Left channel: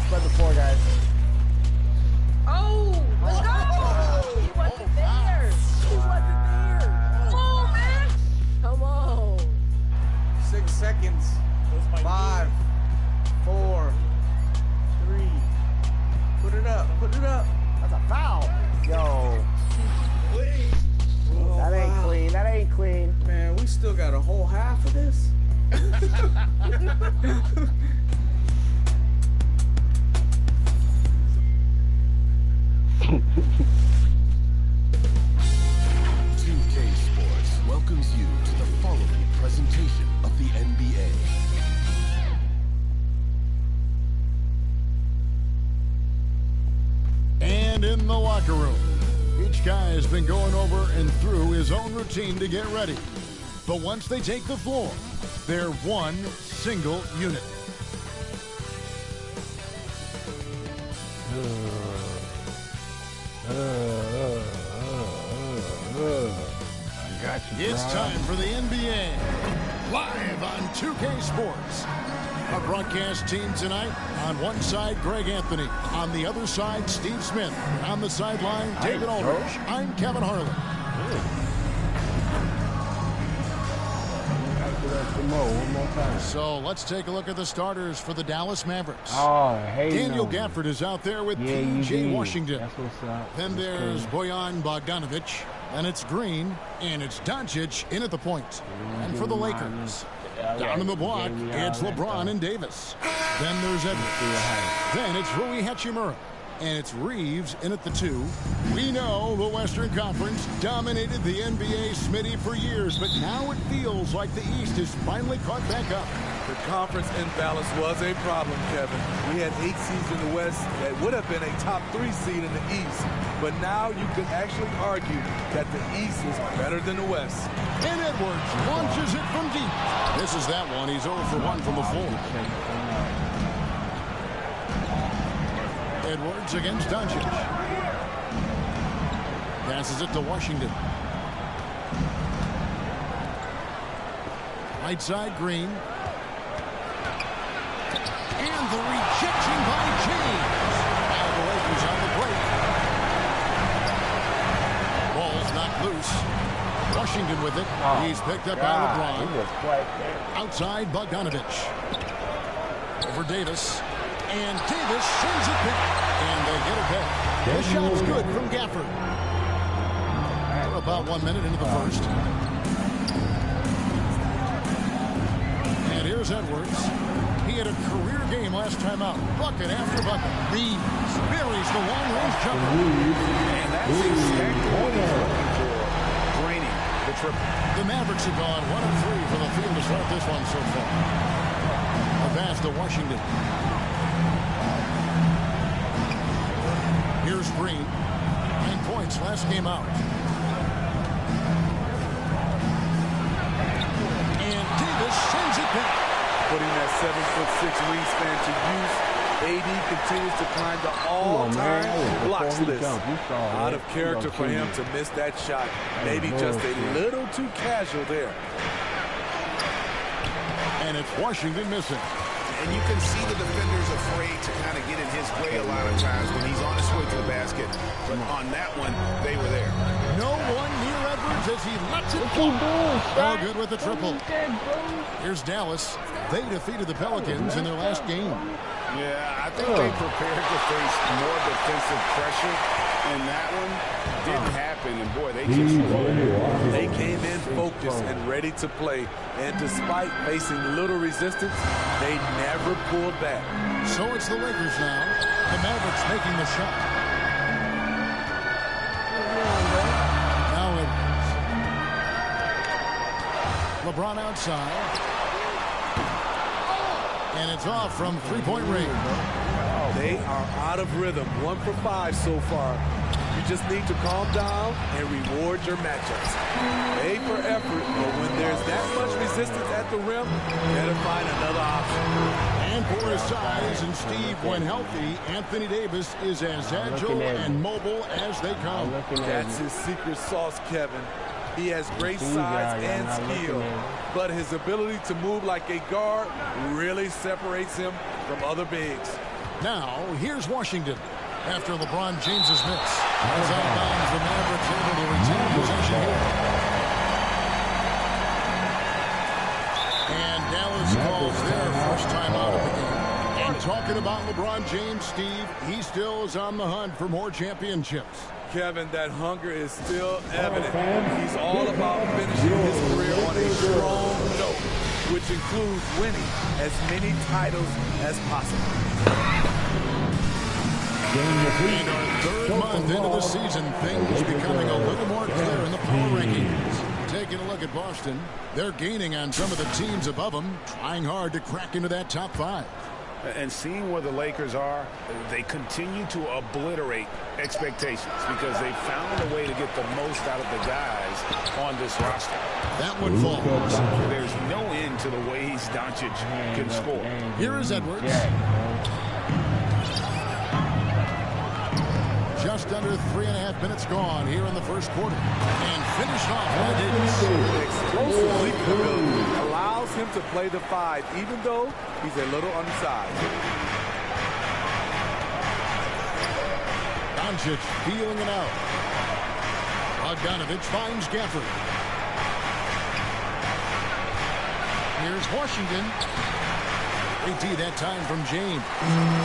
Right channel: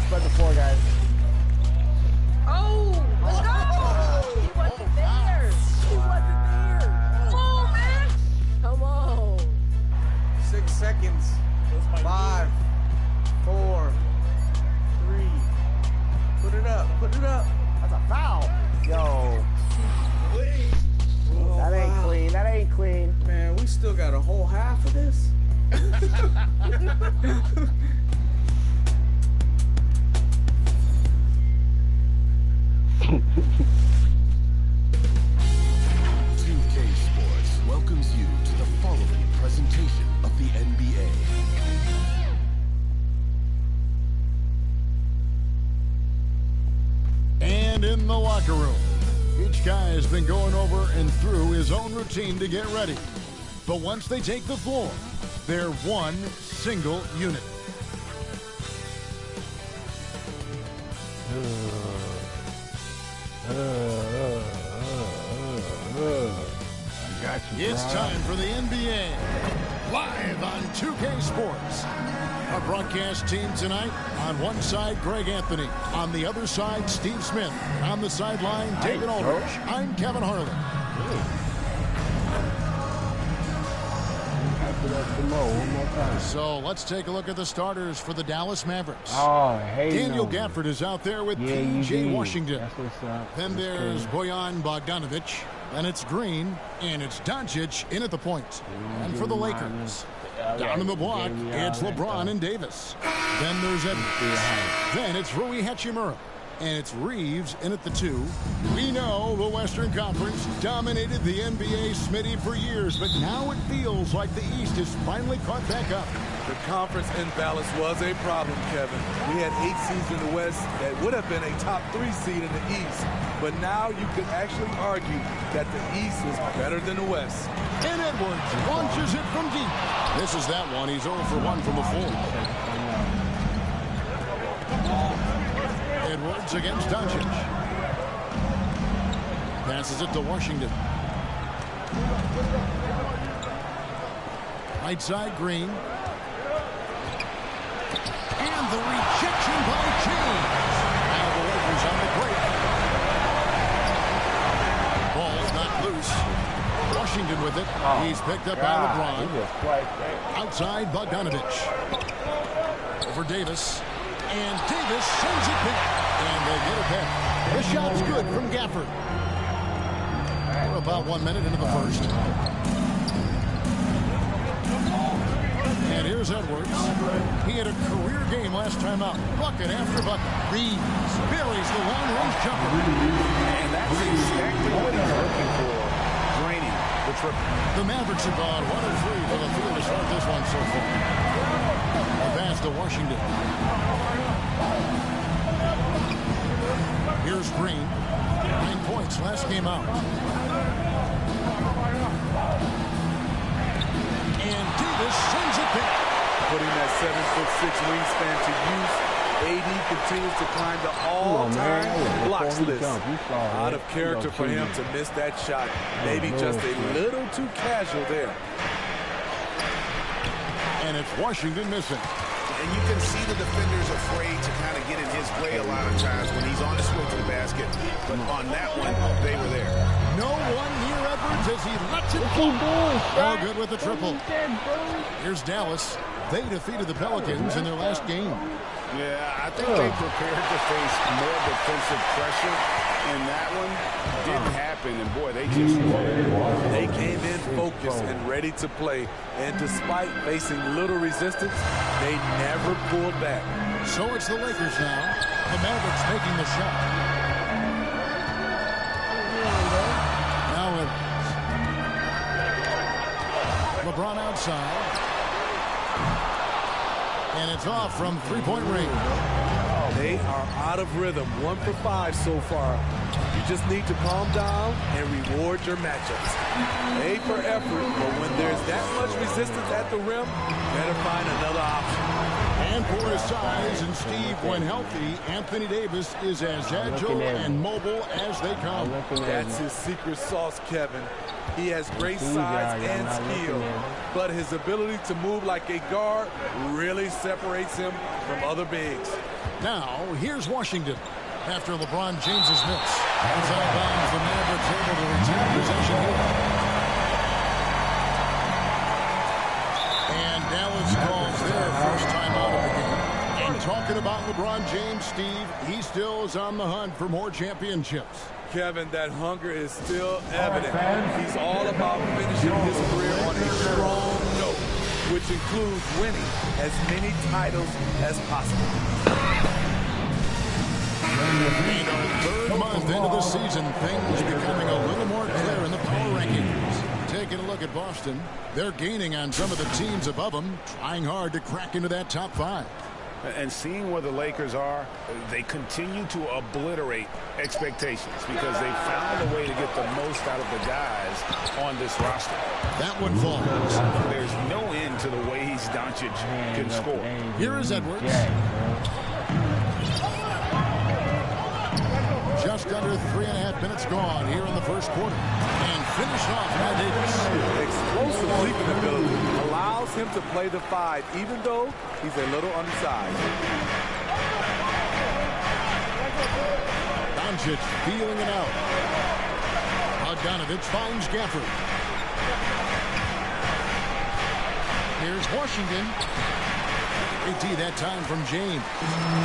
on, spread the floor, guys. Oh, let's go. He wasn't there. He wasn't there. Come on, man. Come on. 6 seconds. 5, 4, 3. Put it up. Put it up. That's a foul. Yo. Oh, that ain't clean. That ain't clean. Man, we still got a whole half of this. 2K Sports welcomes you to the following presentation of the NBA. And in the locker room, each guy has been going over and through his own routine to get ready. But once they take the floor, they're one single unit. I got you, It's time for the NBA, live on 2K Sports. Our broadcast team tonight, on one side, Greg Anthony. On the other side, Steve Smith. And on the sideline, David Aldridge. I'm Kevin Harlan. One more time. So let's take a look at the starters for the Dallas Mavericks. Oh, hey, Daniel Gafford is out there with P.J. Washington. That's what's up. Then there's Bojan Bogdanovic. Then it's Green. And it's Doncic in at the point. And for the Lakers, down in the block, it's LeBron and Davis. Then there's Edwards. Then it's Rui Hachimura. And it's Reeves in at the 2. We know the Western Conference dominated the NBA, Smitty, for years, but now it feels like the East has finally caught back up. The conference imbalance was a problem, Kevin. We had 8 seeds in the West that would have been a top 3 seed in the East, but now you could actually argue that the East is better than the West. And Edwards launches it from deep. This is that one. He's 0 for 1 from the floor. Edwards against Doncic. Passes it to Washington. Right side, Green. And the rejection by James. Now the Lakers on the break. Ball's not loose. Washington with it. He's picked up by LeBron. Outside, Bogdanovic. Over Davis. And Davis sends it back. And they get it back. The shot's good from Gafford. We're about 1 minute into the first. And here's Edwards. He had a career game last time out. Bucket after bucket. Reeves buries the long-range jumper. And that's exactly what he's looking for. Draining the triple. The Mavericks have gone 1 of 3 for the field to start this one so far. A pass to Washington. Here's Green. 9 points last game out. And Davis sends it back. Putting that 7'6" wingspan to use, AD continues to climb the all-time blocks list. Out of character for him to miss that shot. Maybe just a little too casual there. And it's Washington missing. And you can see the defenders afraid to kind of get in his way a lot of times when he's on his way to the basket. But on that one, they were there. No one near Edwards as he lets it go. All good with the triple. Here's Dallas. They defeated the Pelicans in their last game. Yeah, I think they prepared to face more defensive pressure. And that one didn't happen. And, boy, they just rolled. They came in focused and ready to play. And despite facing little resistance, they never pulled back. So it's the Lakers now. The Mavericks making the shot. Now Edwards. LeBron outside. And it's off from three-point range. They are out of rhythm. 1 for 5 so far. You just need to calm down and reward your matchups. A for effort, but when there's that much resistance at the rim, better find another option. And for his size and Steve, when healthy, Anthony Davis is as agile and mobile as they come. That's his secret sauce, Kevin. He has great size and skill, but his ability to move like a guard really separates him from other bigs. Now, here's Washington. After LeBron James's miss. As out of bounds, the Mavericks able to retain possession here. And Dallas calls their first time out of the game. And talking about LeBron James, Steve, he still is on the hunt for more championships. Kevin, that hunger is still evident. He's all about finishing his career on a strong note, which includes winning as many titles as possible. And our third month into the season, things becoming a little more clear in the power rankings. Taking a look at Boston, they're gaining on some of the teams above them, trying hard to crack into that top 5. And seeing where the Lakers are, they continue to obliterate expectations because they found a way to get the most out of the guys on this roster. That one falls. There's no end to the ways Doncic can score. Here is Edwards. Just under 3.5 minutes gone here in the first quarter. And finished off by Davis. Explosive leaping ability allows him to play the 5, even though he's a little undersized. Doncic feeling it out. Bogdanovich finds Gafford. Here's Washington. Great D that time from James.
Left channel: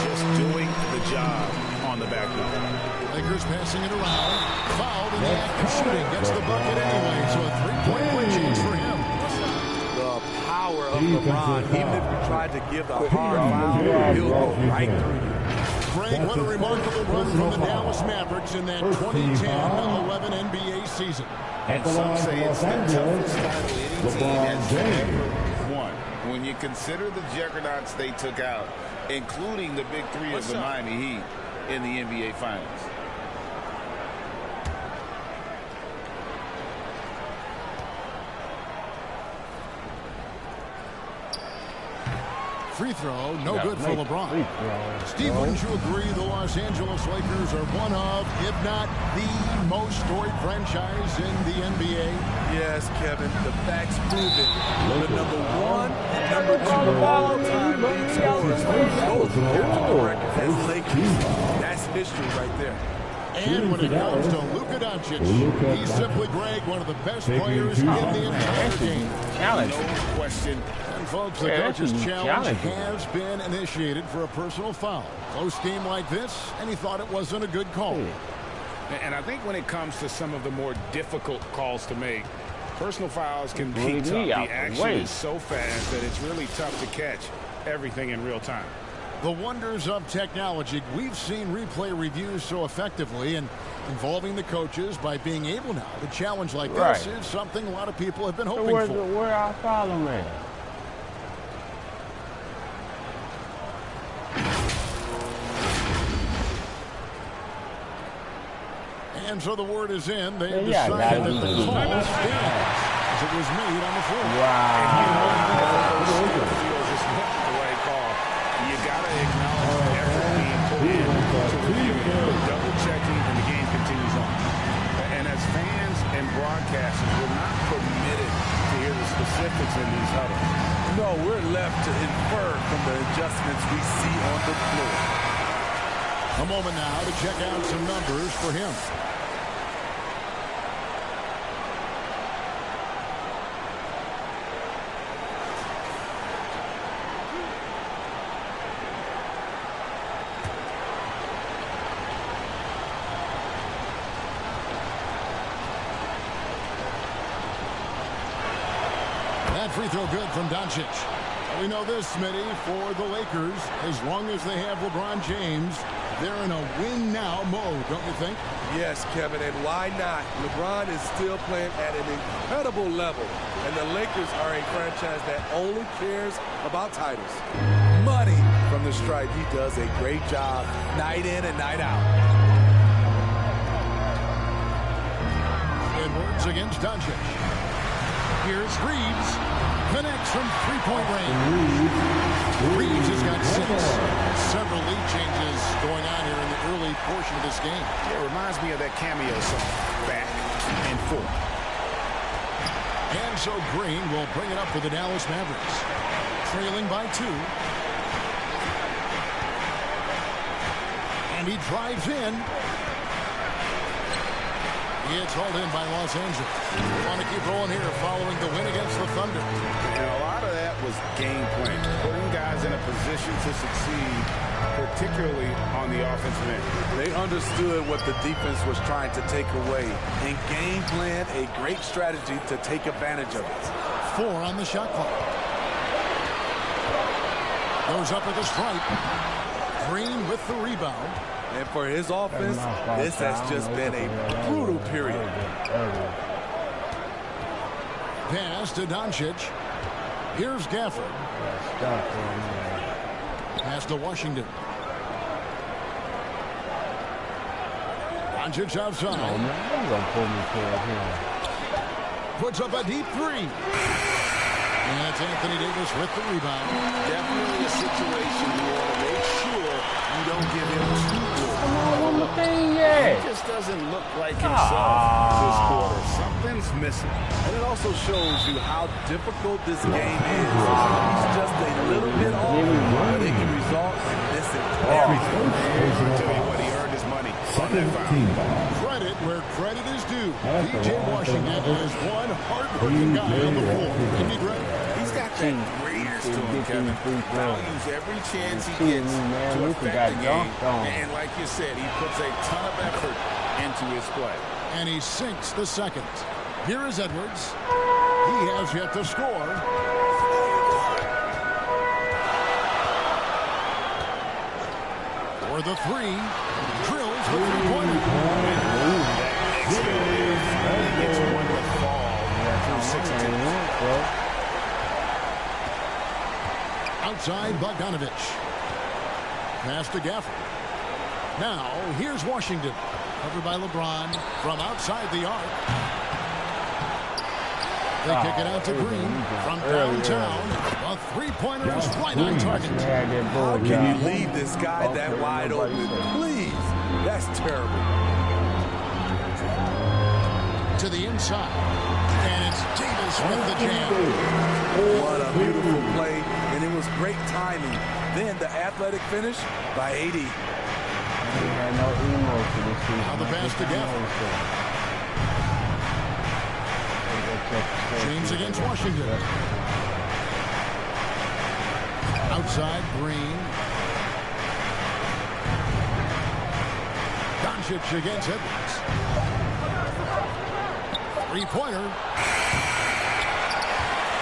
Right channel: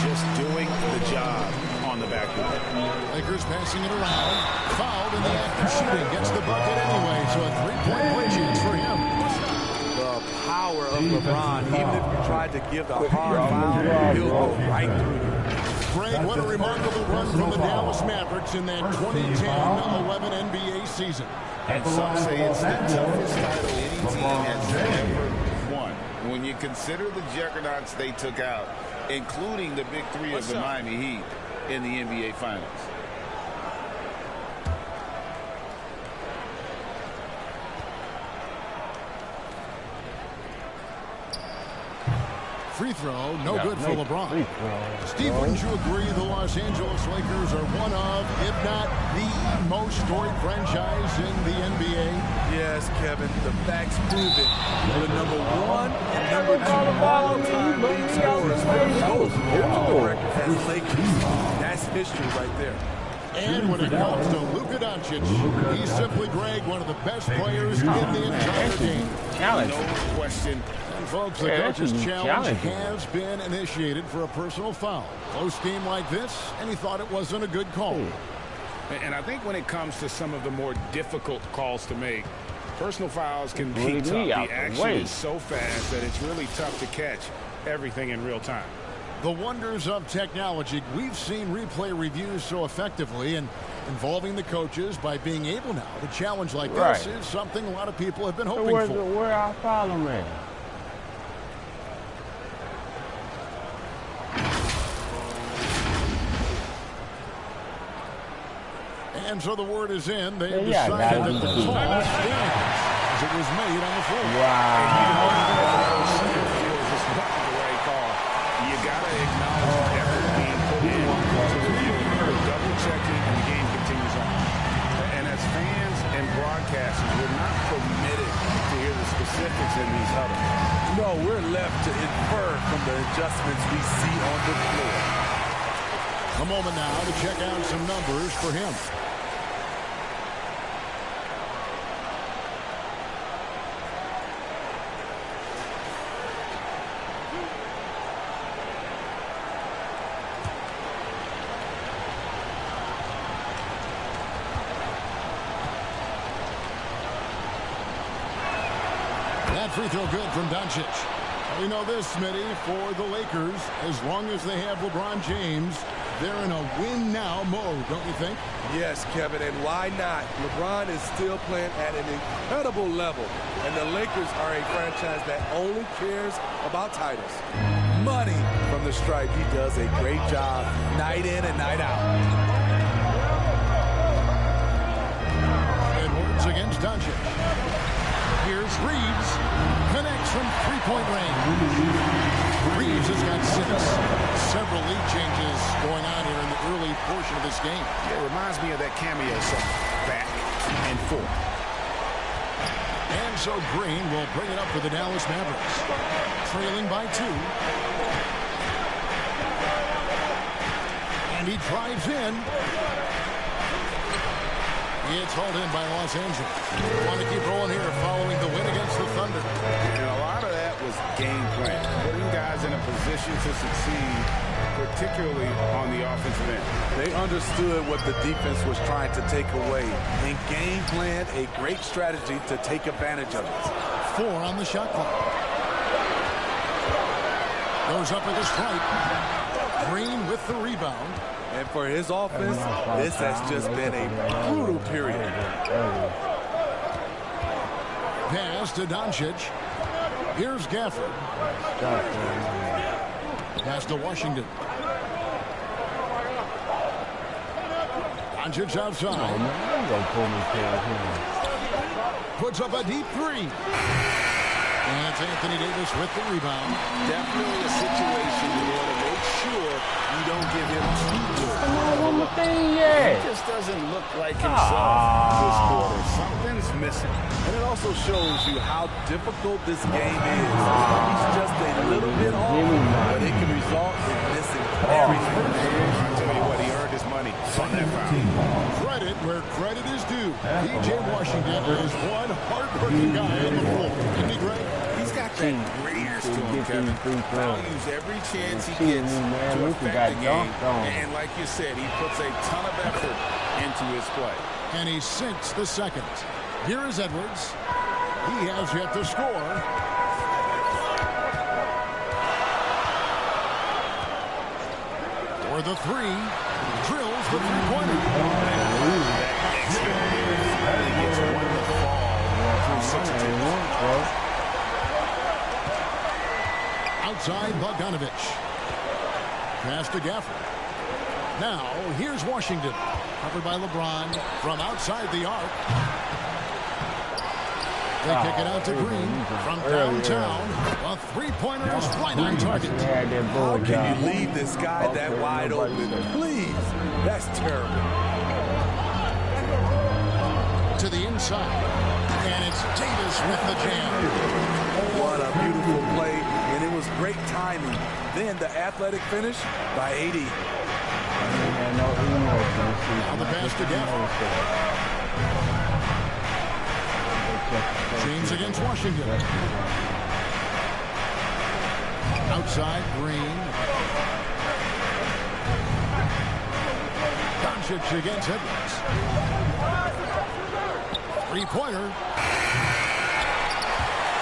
Just doing the job on the backboard. Lakers passing it around. Fouled in the act of shooting. Gets the bucket anyway, so a 3-point play chance for him. The power of LeBron. Even if you tried to give the hard foul, he'll go right through you. Greg, what a remarkable run from the Dallas Mavericks in that 2010-11 NBA season. And some say it's the toughest title any team has ever won. When you consider the juggernauts they took out, including the big 3 of the Miami Heat in the NBA Finals. Free throw, no good for LeBron. Steve, wouldn't you agree the Los Angeles Lakers are one of, if not the most storied franchise in the NBA? Yes, Kevin, the facts prove it. The number 1 and number 2 all-time league scorers both kept the record as Lakers. That's history right there. And when it comes to Luka Doncic, he's simply, Greg, one of the best players in the entire game. No question. And folks, the coach's challenge has been initiated for a personal foul. Close game like this, and he thought it wasn't a good call. And I think when it comes to some of the more difficult calls to make, personal fouls can be tough. The action is so fast that it's really tough to catch everything in real time. The wonders of technology. We've seen replay reviews so effectively, and involving the coaches by being able now to challenge like this is something a lot of people have been hoping for. Where our follow man? And so the word is in. They have decided that the call stands as it was made on the floor. Wow. And you know, even if a coach still feels this wasn't the right call, you got to acknowledge the effort being put in to review it. Double checking, and the game continues on. And as fans and broadcasters, we're not permitted to hear the specifics in these huddles. No, we're left to infer from the adjustments we see on the floor. A moment now to check out some numbers for him. That free throw good from Doncic. Well, we know this, Smitty, for the Lakers, as long as they have LeBron James, they're in a win-now mode, don't you think? Yes, Kevin, and why not? LeBron is still playing at an incredible level, and the Lakers are a franchise that only cares about titles. Money from the stripe. He does a great job night in and night out. Edwards against Doncic. Here's Reeves. Connects from three-point range. Reeves has got 6. Several lead changes going on here in the early portion of this game. Yeah, it reminds me of that cameo song, Back and Forth. And so Green will bring it up for the Dallas Mavericks. Trailing by 2. And he drives in. It's hauled in by Los Angeles. We want to keep rolling here following the win against the Thunder. And a lot of that was game plan, putting guys in a position to succeed, particularly on the offensive end. They understood what the defense was trying to take away and game planned a great strategy to take advantage of it. 4 on the shot clock. Goes up with a stripe. Green with the rebound. And for his offense, this has just been a brutal period. Pass to Doncic. Here's Gafford. Pass to Washington. Doncic outside. Puts up a deep 3. And it's Anthony Davis with the rebound. Definitely a situation you want to make sure you don't give him too good. Come on, one more thing, yeah. He just doesn't look like himself this quarter. Something's missing. And it also shows you how difficult this game is. He's just a little bit off, but it can result in missing everything. I tell you what, he earned his money on that foul. Credit where credit is due. P.J. Washington is one hard-working guy on the floor. Isn't he great? He's got that greatness to him, Kevin. Values every chance he gets to affect the game. And like you said, he puts a ton of effort into his play. And he sinks the second. Here is Edwards. He has yet to score. For the 3. Drills the three-pointer. That exhale there finally gets one to fall through 6 attempts. Outside Bogdanovich. Pass to Gafford. Now, here's Washington. Covered by LeBron from outside the arc. They kick it out to Green from downtown. A three-pointer is right on target. How can you leave this guy that wide open? Please. That's terrible. To the inside. And it's Davis with the jam. What a beautiful play, and it was great timing. Then the athletic finish by 80. Now the pass to Gafford. James against Washington. Outside Green. Doncic against Edwards. Three-pointer.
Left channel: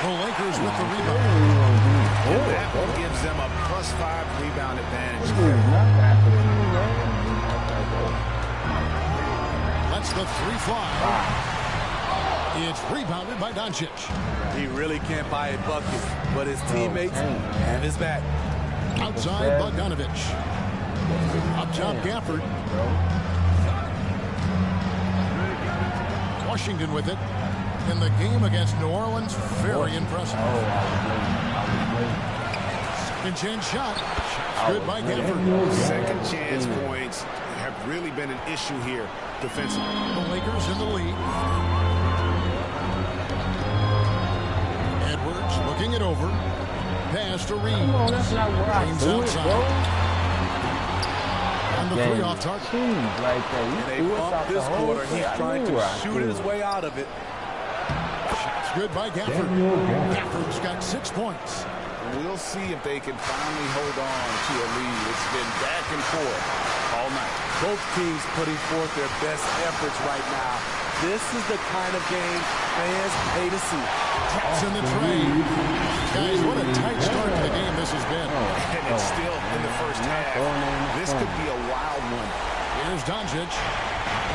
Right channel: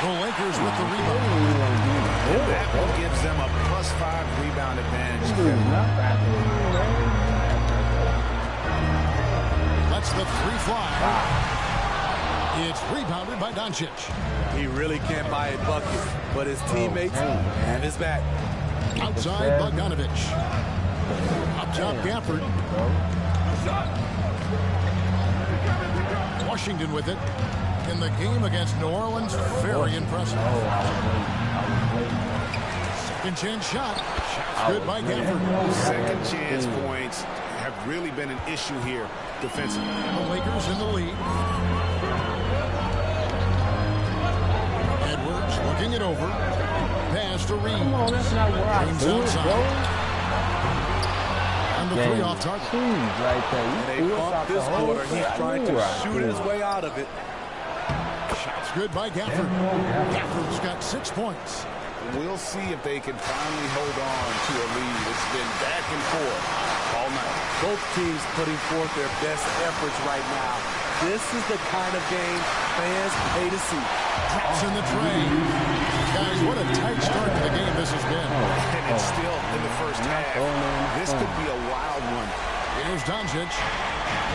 The Lakers with the rebound. And that one gives them a +5 rebound advantage. Lets the 3 fly. It's rebounded by Doncic. He really can't buy a bucket, but his teammates have his back. Outside Bogdanovich. Up top Gafford. Washington with it. In the game against New Orleans, very impressive. Second chance shot. Shot's good by Gafford. Second chance points have really been an issue here defensively. The Lakers in the lead. Edwards looking it over. Pass to Reeves. Come on, that's not where I James do it, outside. bro. And the 3 off target. Right there. And they bumped this quarter. He's trying to shoot his way out of it. Shot's good by Gafford. Gafford's got 6 points. We'll see if they can finally hold on to a lead. It's been back and forth all night. Both teams putting forth their best efforts right now. This is the kind of game fans pay to see. Drops in the tray. Guys, what a tight start to the game this has been. And it's still in the first half. This could be a wild one. Here's Doncic.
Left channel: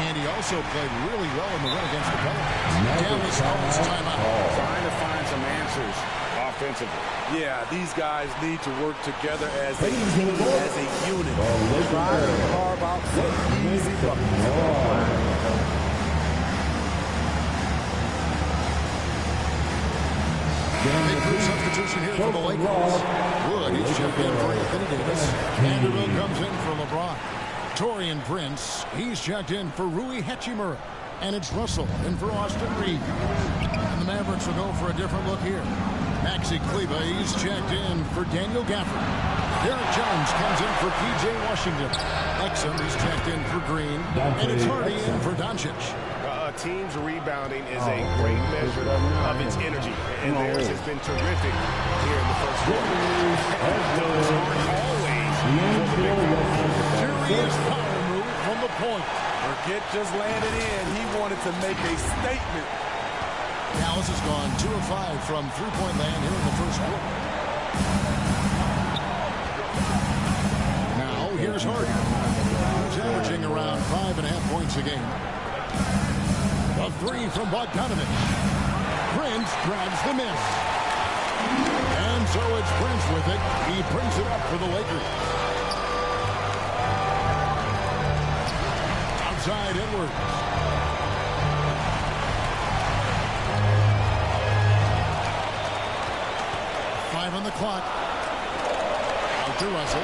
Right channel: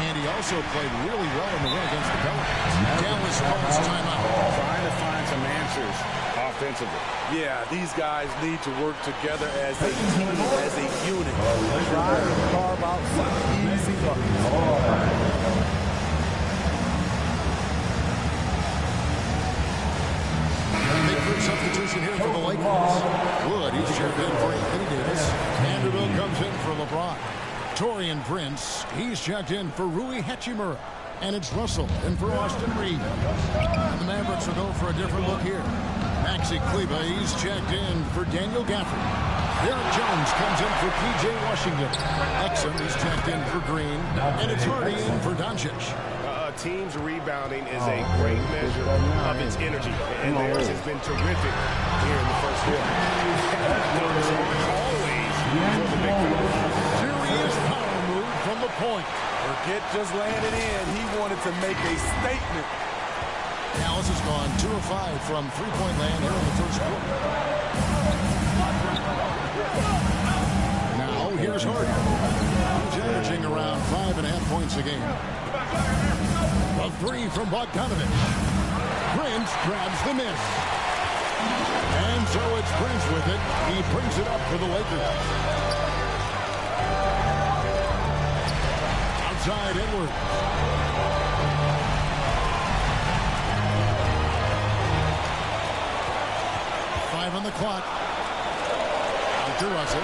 And he also played really well in the win against the Pelicans. Dallas calls timeout. Trying to find some answers offensively. Yeah, these guys need to work together as a team, as a unit. Try to carve out some easy buckets. Big crew substitution here for the Lakers. Wood, he's checked in for Anthony Davis. Vanderbilt comes in for LeBron. Torian Prince, he's checked in for Rui Hachimura. And it's Russell in for Austin Reeves. And the Mavericks will go for a different look here. Maxi Kleber, he's checked in for Daniel Gafford. Derek Jones comes in for P.J. Washington. Exum, he's checked in for Green. And it's Hardy in for Doncic. A team's rebounding is a great measure of its energy, and theirs has been terrific here in the first quarter. Those aren't always for the big fellas. Serious power move from the point. Forget just landing in. He wanted to make a statement. Dallas has gone 2 of 5 from three-point land here in the first quarter. Now, here's Hardy. He's averaging around 5.5 points a game. A three from Bogdanovich. Prince grabs the miss. And so it's Prince with it. He brings it up for the Lakers. Outside Edwards. Five on the clock. Out to Russell.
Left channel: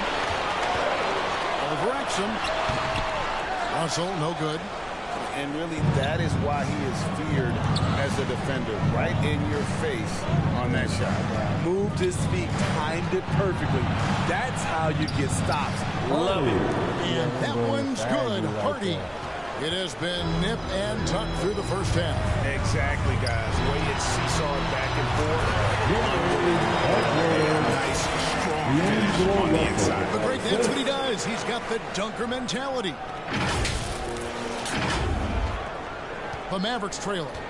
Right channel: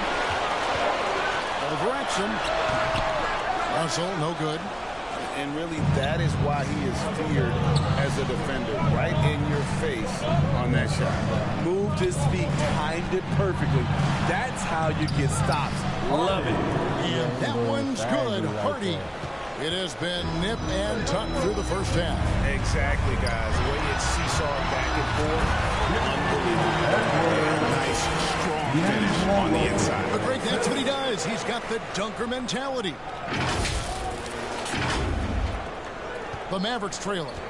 Over Exum. Russell, no good. And really, that is why he is feared as a defender, right in your face on that shot. Moved his feet, timed it perfectly. That's how you get stops. Love it. And that one's good. Hardy. It has been nip and tuck through the first half. Exactly, guys. The way it's seesawed back and forth. Unbelievable. A nice, strong finish on the inside. But great, that's what he does. He's got the dunker mentality. The Mavericks trail it.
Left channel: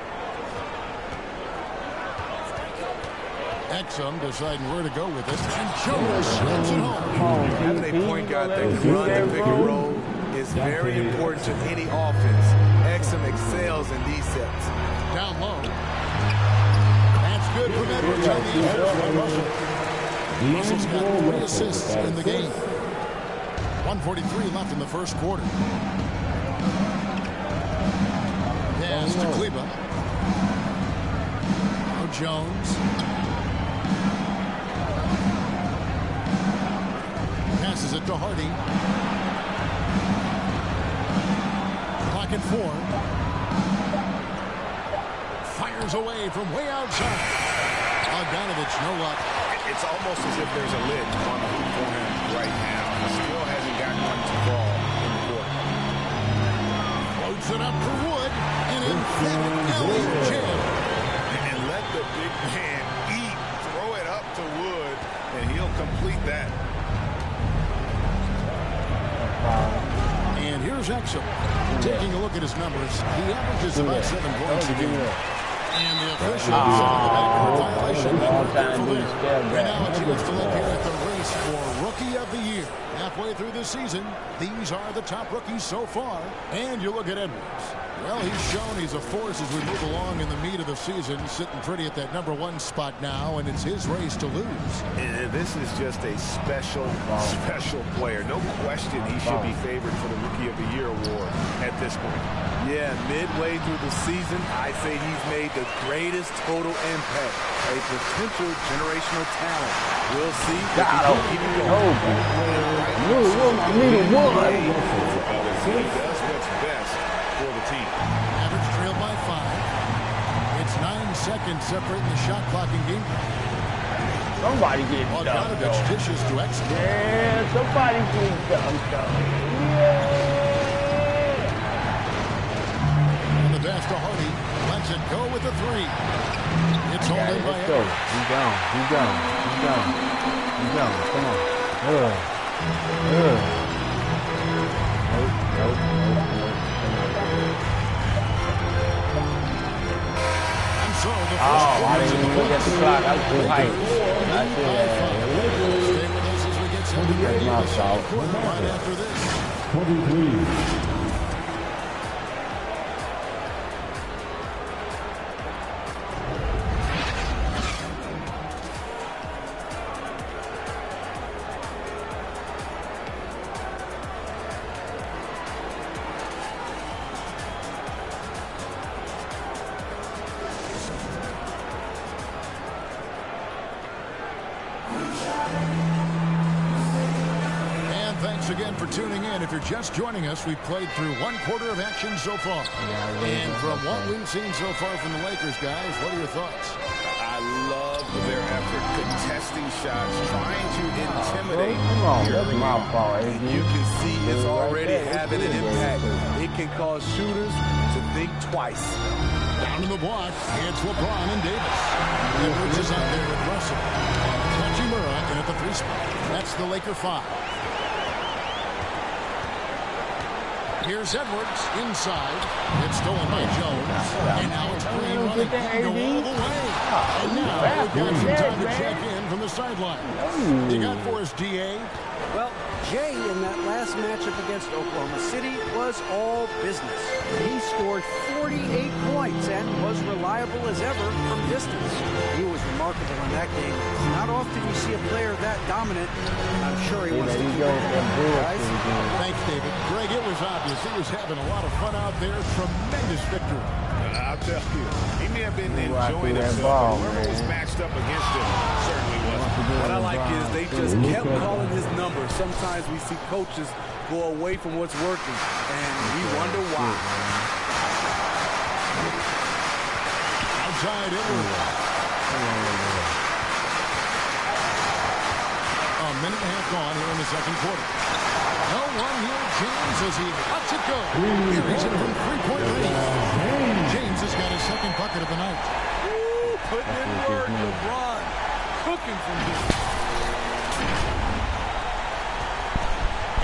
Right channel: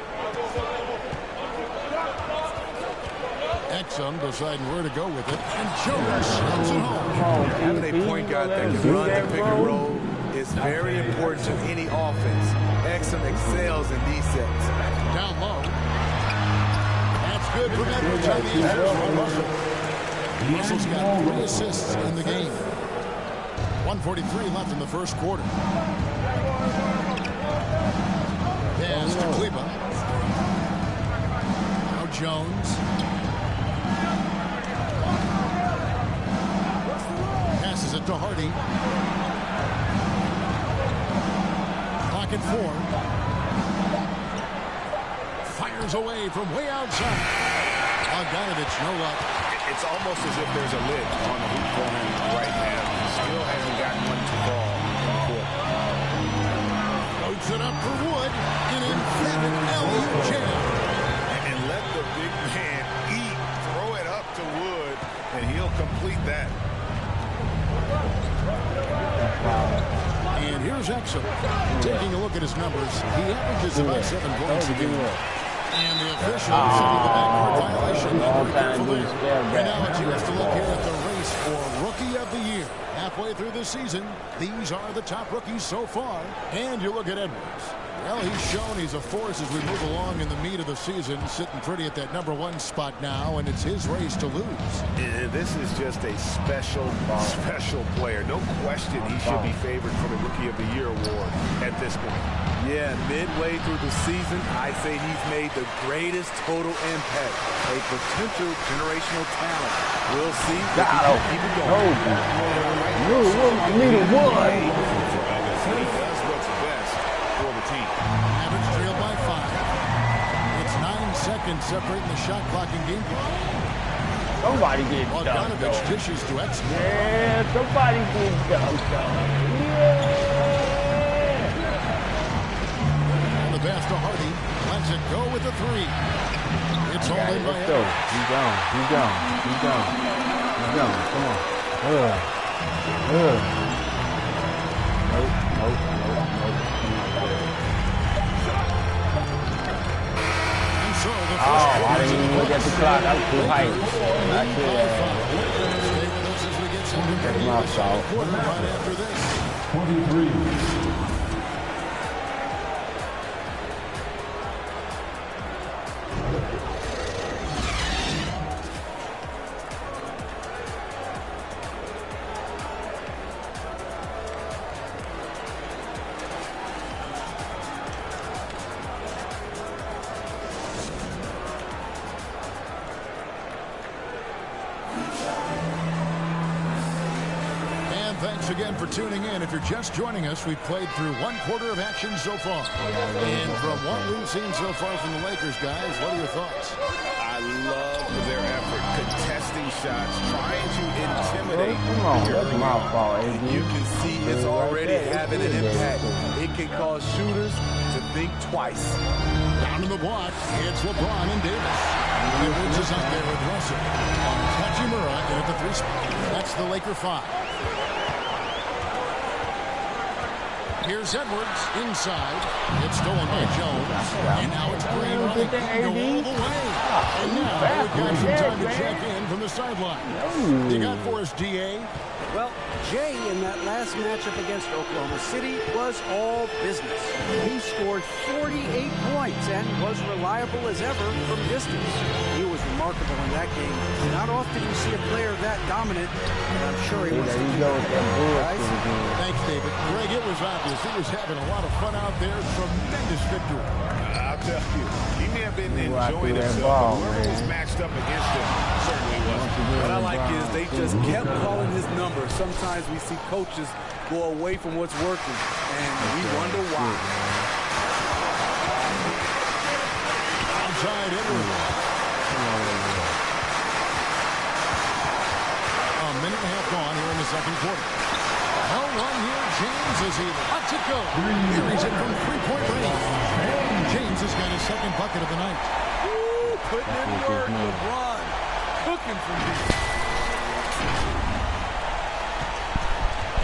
Exum deciding where to go with it. And Jonas slams it home. Having a point guard that can run the pick and roll is very important to any offense. Exum excels in these sets. Down low. That's good from Edwards on the answers by Russell. Russell's got 3 assists in the game. 1:43 left in the first quarter. Pass to Kleba. Now Jones. Passes it to Hardy. Clock at 4. Fires away from way outside. Bogdanovich, no luck. It's almost as if there's a lid on the hoop for him right now. He still hasn't gotten one to fall in the court. Floats it up for Wood. An emphatic alley-oop jam. And let the big man eat. Throw it up to Wood, and he'll complete that. And here's Exum. Taking a look at his numbers, he averages about 7 points a game. And the official setting the backcourt violation. Not very careful there. And now a chance to look here at the race for Rookie of the Year. Halfway through the season, these are the top rookies so far. And you look at Edwards. Well, he's shown he's a force as we move along in the meat of the season, sitting pretty at that #1 spot now, and it's his race to lose. This is just a special player. No question he should be favored for the Rookie of the Year award at this point. Yeah, midway through the season, I say he's made the greatest total impact. A potential generational talent. We'll see if he can keep it going. For others, he does what's best for the team. Mavericks trailed by 5. It's 9 seconds separating the shot clock and game clock. Somebody get dunked. Bogdanovich dishes to Exum. Yeah, somebody get dunked. Yeah. And the pass to Hardy. Lets it go with the 3. It's all in by Let's go. He's gone. He's gone. He's gone. He's gone. Come on. Nope. Come on, dude. And so the first I quarter's didn't in even the look at the books. clock. I was too hyped. Lakers I lead should by have. 5. Stay with us as we get set to bring you the second quarter right after this. 23. thanks again for tuning in. If you're just joining us, we've played through one quarter of action so far. And from what we've seen so far from the Lakers, guys, what are your thoughts? I love their effort, contesting shots, trying to intimidate. Come on, that's my fault, AD. You can see it's already having an impact. It can cause shooters to think twice. Down in the block, it's LeBron and Davis. Edwards is out there with Russell. And it's Hachimura in at the 3 spot. That's the Laker 5. Here's Edwards inside. It's stolen by Jones. And now it's Green running. He can go all the way. And now we've got some time to check in from the sideline. You got for us, DA? Well, Jay, in that last matchup against Oklahoma City, was all business. He scored 48 points and was reliable as ever from distance. He was remarkable in that game. Not often you see a player that dominant, and I'm sure he wants to keep it going, guys. Thanks, David. Greg, it was obvious. He was having a lot of fun out there. Tremendous victory. I'll tell you, he may have been enjoying himself, but whoever was matched up against him certainly wasn't. What I like is they just kept calling his number. Sometimes we see coaches go away from what's working, and we wonder why. Outside Edwards. A minute and a half gone here in the second quarter. No one near James as he lets it go. Here he's in from three-point range. James has got his second bucket of the night. Woo, putting in work, LeBron. Cooking from deep.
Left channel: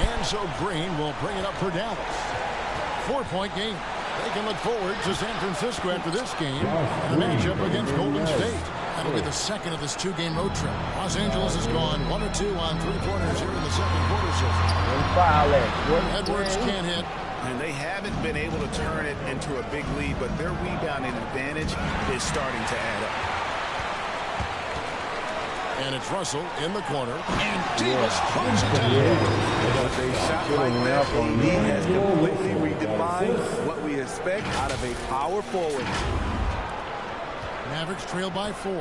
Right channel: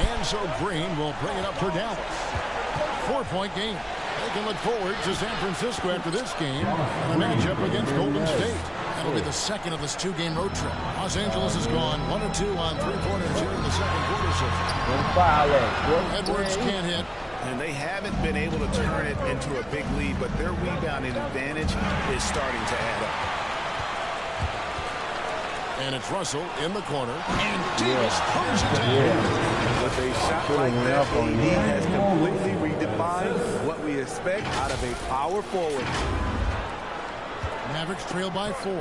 And so Green will bring it up for Dallas. 4-point game. They can look forward to San Francisco after this game and a matchup against Golden State. That'll be the second of this 2-game road trip. Los Angeles has gone 1 of 2 on 3-pointers here in the second quarter so far. Edwards can't hit. And they haven't been able to turn it into a big lead, but their rebounding advantage is starting to add up. And it's Russell in the corner. And Davis throws it down. With a shot like that, AD has completely redefined what we expect out of a power forward. Mavericks trail by 4.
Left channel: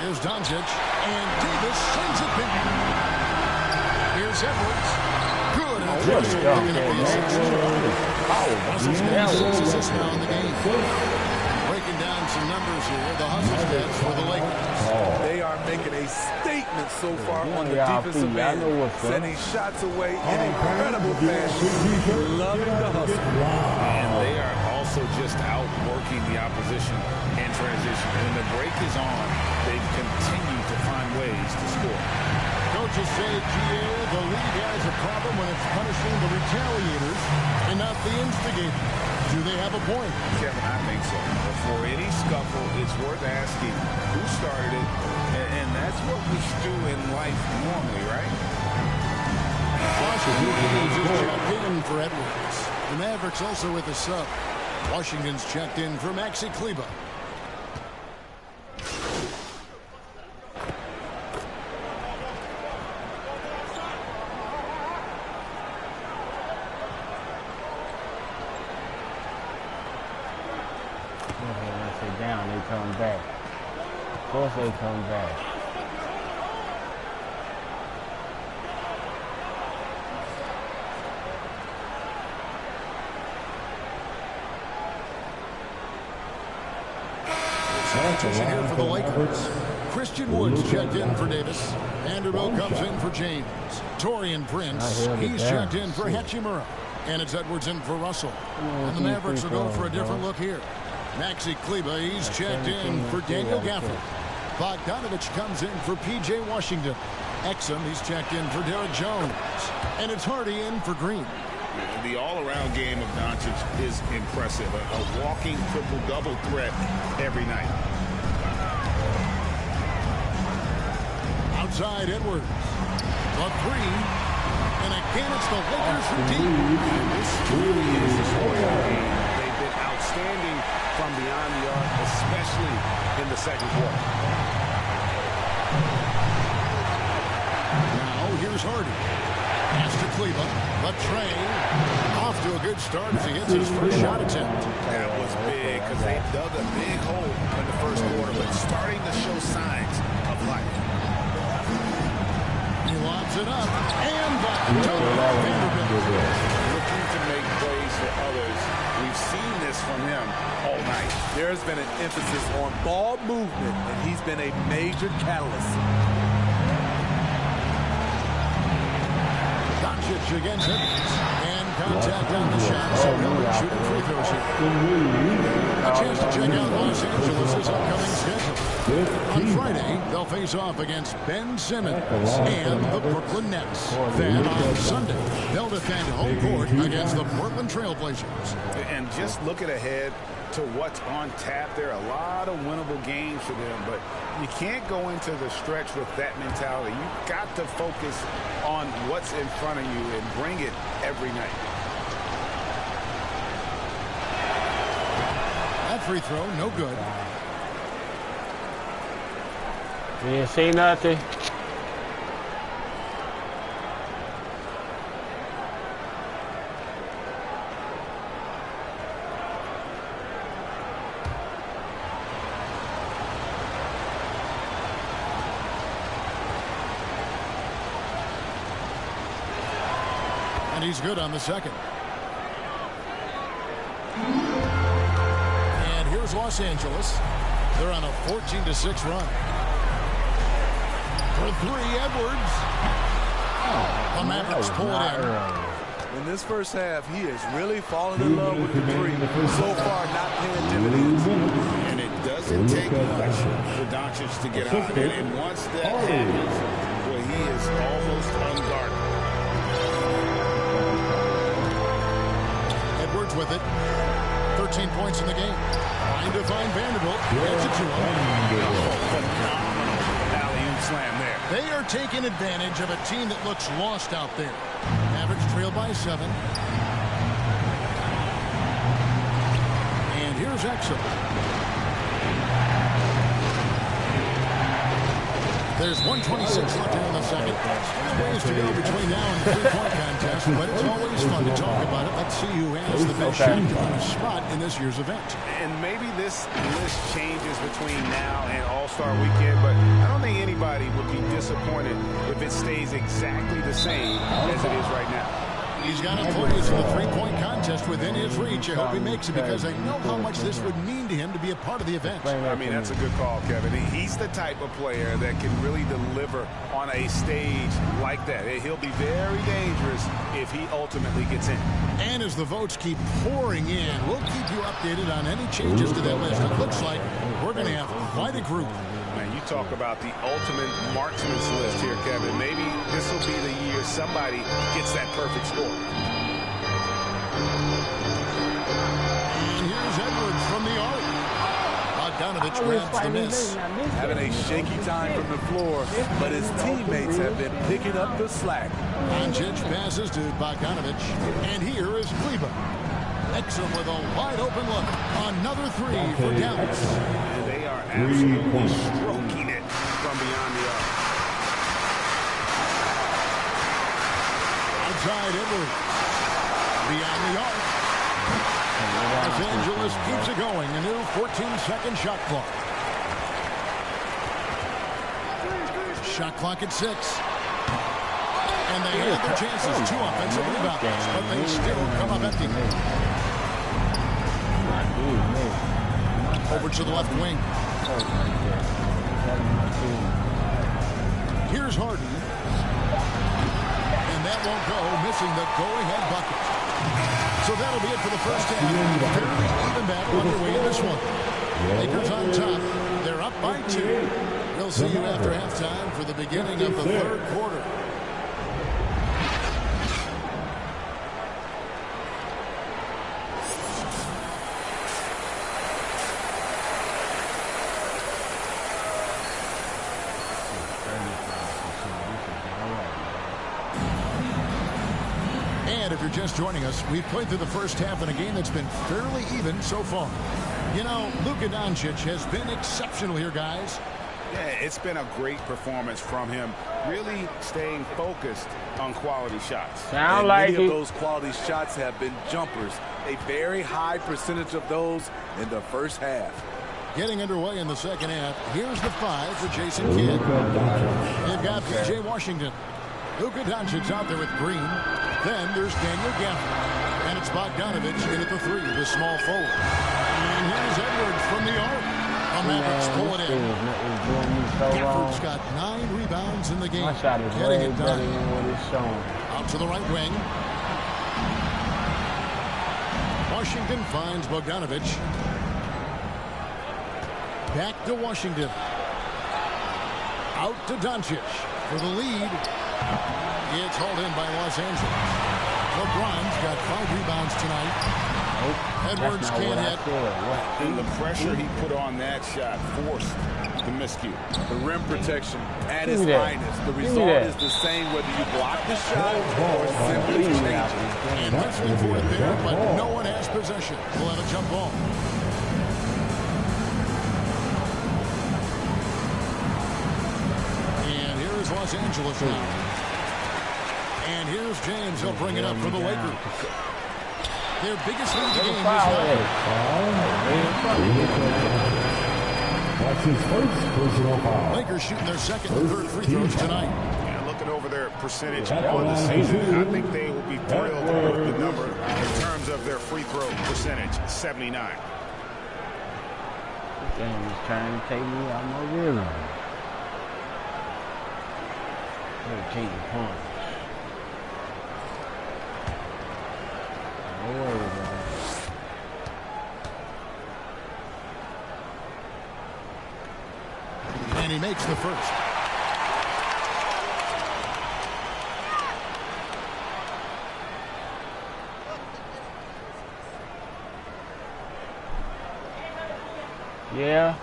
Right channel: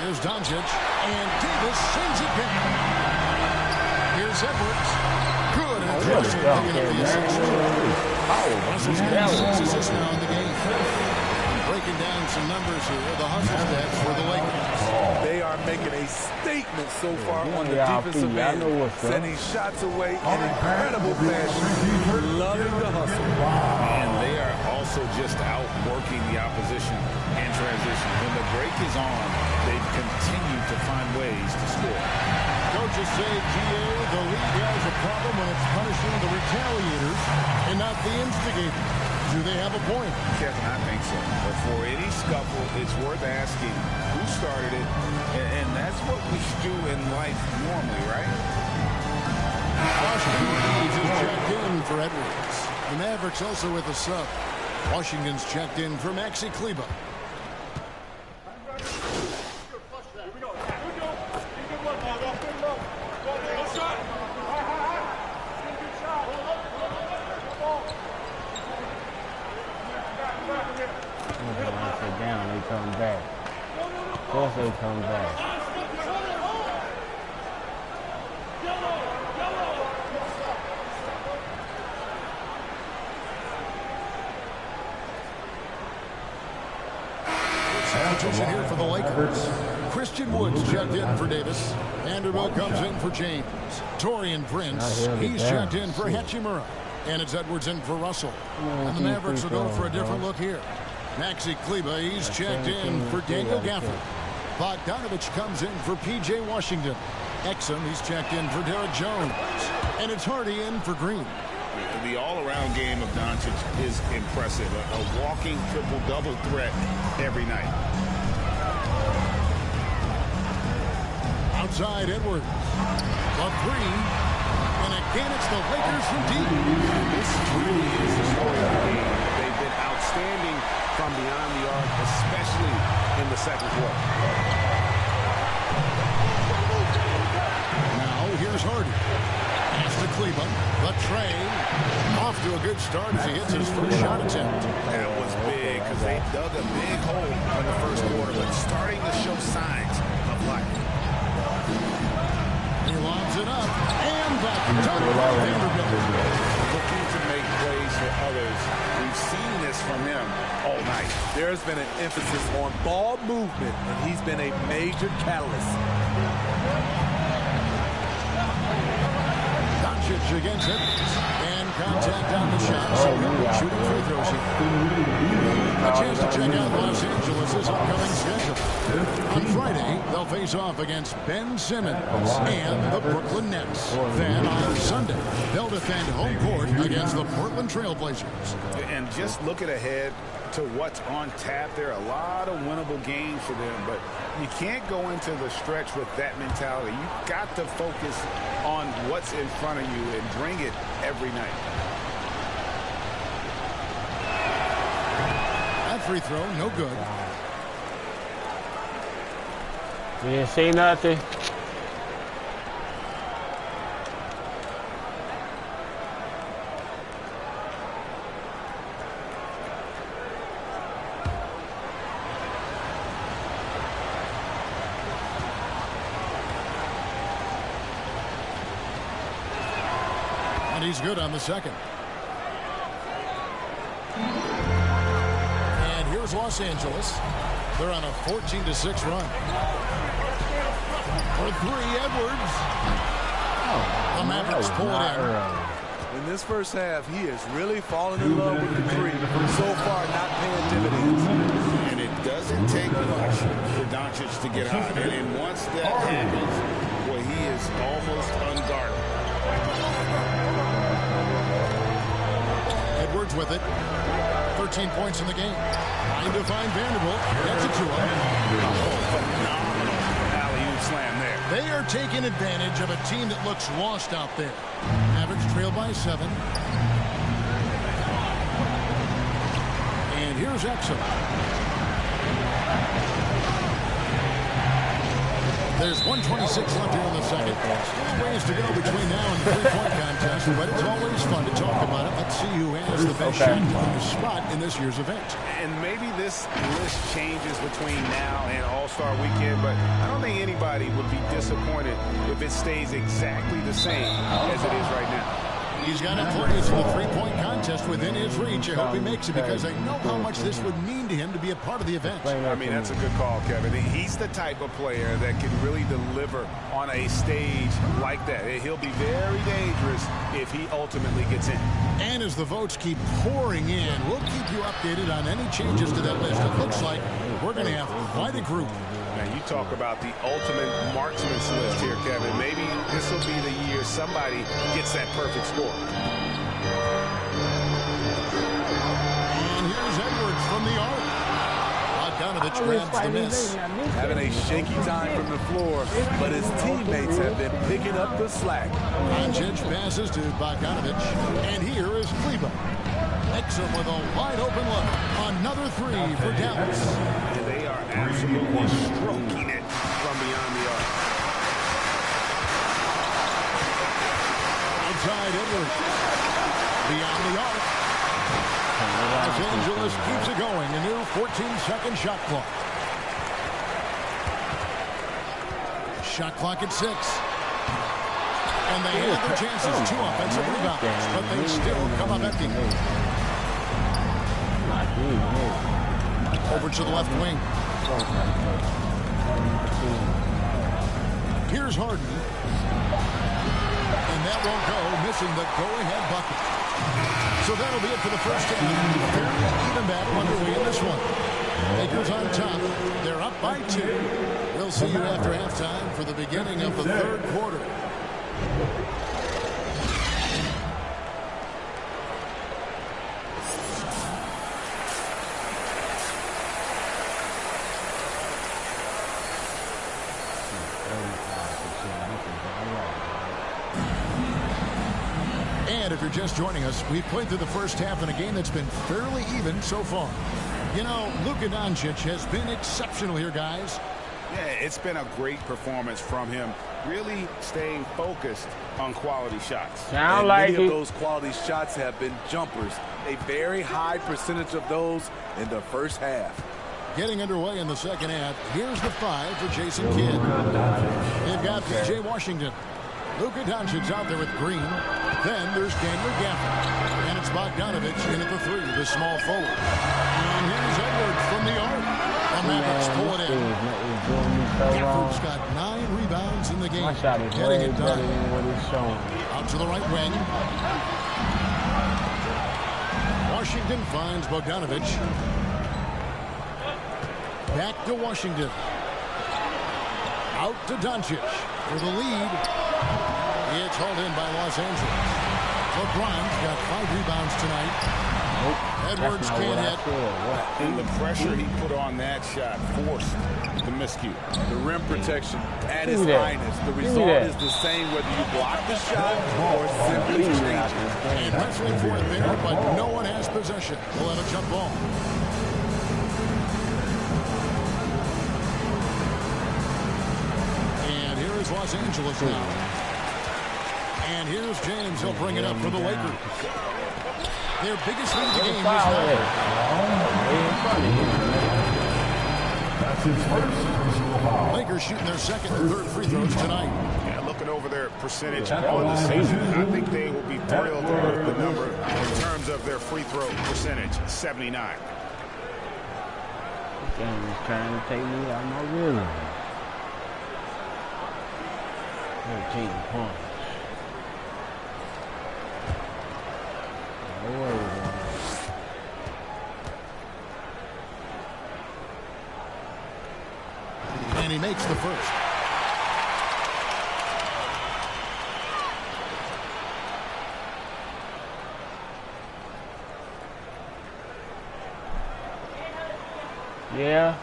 Here's Doncic. And Davis sends it back. Here's Edwards. Good. And Russell picking up the assist. Russell's got 6 assists now in the game. Breaking down some numbers here, the hustle stats for the Lakers. They are making a statement so far on the defensive end, sending shots away in incredible fashion, loving the hustle. And they are also just outworking the opposition in transition. When the break is on, they've continued to find ways to score. Coaches say, GA, the league has a problem when it's punishing the retaliators and not the instigators. Do they have a point? Kevin, I think so. But for any scuffle, it's worth asking who started it, and that's what we do in life normally, right? Austin Reeves is checked in for Edwards. The Mavericks also with a sub. Washington's checked in for Maxi Kleber. Down, they come back. Of course they come back. Substitution here for the Lakers. Christian Woods checked in for Davis. Vanderbilt comes in for James. Torian Prince, he's checked in for Hachimura. And it's Edwards in for Russell. And the Mavericks will go for a different look here. Maxi Kleber, he's checked in for Daniel Gafford. Bogdanovich comes in for P.J. Washington. Exum, he's checked in for Derek Jones. And it's Hardy in for Green. The all-around game of Doncic is impressive. A walking triple-double threat every night. Outside Edwards. The 3. And again, it's the Lakers from deep. And this really is the story of the game. They've been outstanding from beyond the arc, especially in the second quarter. Now, here's Hardy. Pass to Kleber. But Trey off to a good start as he hits his first shot attempt. That was big because they dug a big hole in the first quarter, but starting to show signs of life. lobs it up. And the dunk by Vanderbilt. Looking to make plays for others. We've seen this from him all night. There's been an emphasis on ball movement, and he's been a major catalyst. Doncic against Edwards. And contact on the shot, so he'll be shooting free throws here. A chance to check out Los Angeles' upcoming schedule. On Friday, they'll face off against Ben Simmons and the Brooklyn Nets. Then on Sunday, they'll defend home court against the Portland Trailblazers. And just looking ahead to what's on tap, there are a lot of winnable games for them, but you can't go into the stretch with that mentality. You've got to focus on what's in front of you and bring it every night. That free throw, no good. You didn't see nothing. And he's good on the second. And here's Los Angeles. They're on a 14-6 run. For three, Edwards. The Mavericks pull it in. In this first half, he has really fallen in love with the three. So far, not paying dividends. And it doesn't take much for Doncic to get hot. And once that happens, well, he is almost unguardable. Edwards with it. 13 points in the game. Trying to find Vanderbilt. Gets it to him. Oh, phenomenal alley-oop slam there. They are taking advantage of a team that looks lost out there. Mavericks trail by 7. And here's Exum. There's 1:26 left here in the second. Still a ways to go between now and the three-point contest, but it's always fun to talk about it. Let's see who has the best shot to win a spot in this year's event. And maybe this list changes between now and All-Star Weekend, but I don't think anybody would be disappointed if it stays exactly the same as it is right now. He's got employees in the three-point contest within his reach. I hope he makes it because I know how much this would mean to him to be a part of the event. I mean, that's a good call, Kevin. He's the type of player that can really deliver on a stage like that. He'll be very dangerous if he ultimately gets in. And as the votes keep pouring in, we'll keep you updated on any changes to that list. It looks like we're going to have quite a group. Man, you talk about the ultimate marksman's list here, Kevin. Maybe this will be the year somebody gets that perfect score. And here's Edwards from the arc. Bogdanovich grabs the miss. Having a shaky time from the floor, but his teammates have been picking up the slack. Doncic passes to Bogdanovich. And here is Kleber. Exum with a wide-open look. Another three for Dallas. And they are absolutely stroking it from beyond the arc. Outside Edwards. Beyond the arc. Los Angeles keeps it going. A new 14-second shot clock. Shot clock at 6. And they had their chances. 2 offensive rebounds, but they still come up empty. Over to the left wing. Here's Harden. And that won't go, missing the go-ahead bucket. So that'll be it for the first half. Fairly even battle underway in this one. Lakers on top. They're up by 2. We'll see you after halftime for the beginning of the third quarter. And if you're just joining us, we've played through the first half in a game that's been fairly even so far. You know, Luka Doncic has been exceptional here, guys. Yeah, it's been a great performance from him, really staying focused on quality shots. And many of those quality shots have been jumpers. A very high percentage of those in the first half. Getting underway in the second half. Here's the 5 for Jason Kidd. They've got P.J. Washington. Luka Doncic out there with Green. Then there's Daniel Gafford. And it's Bogdanovich in at the 3, the small forward. And here's Edwards from the arc. The Mavericks pull it in. Gafford's got 9 rebounds in the game. My shot is way better than what it's showing. Out to the right wing. Washington finds Bogdanovich. Back to Washington. Out to Doncic for the lead. It's hauled in by Los Angeles. LeBron's got 5 rebounds tonight. Nope. Edwards can't hit. And the pressure he put on that shot forced the miscue. The rim protection at its finest. The result is the same whether you block the shot or simply change it. And wrestling for it there, but no one has possession. We'll have a jump ball. And here is Los Angeles now. And here's James. He'll bring it up for the Lakers. Their biggest lead of the game is now. That's his first personal foul. Lakers shooting their second and third free throws tonight. Yeah, looking over their percentage on the season, I think they will be thrilled with the number in terms of their free throw percentage, 79. This game is trying to take me out my rhythm. 13 points. No worries, man. And he makes the first. Yeah.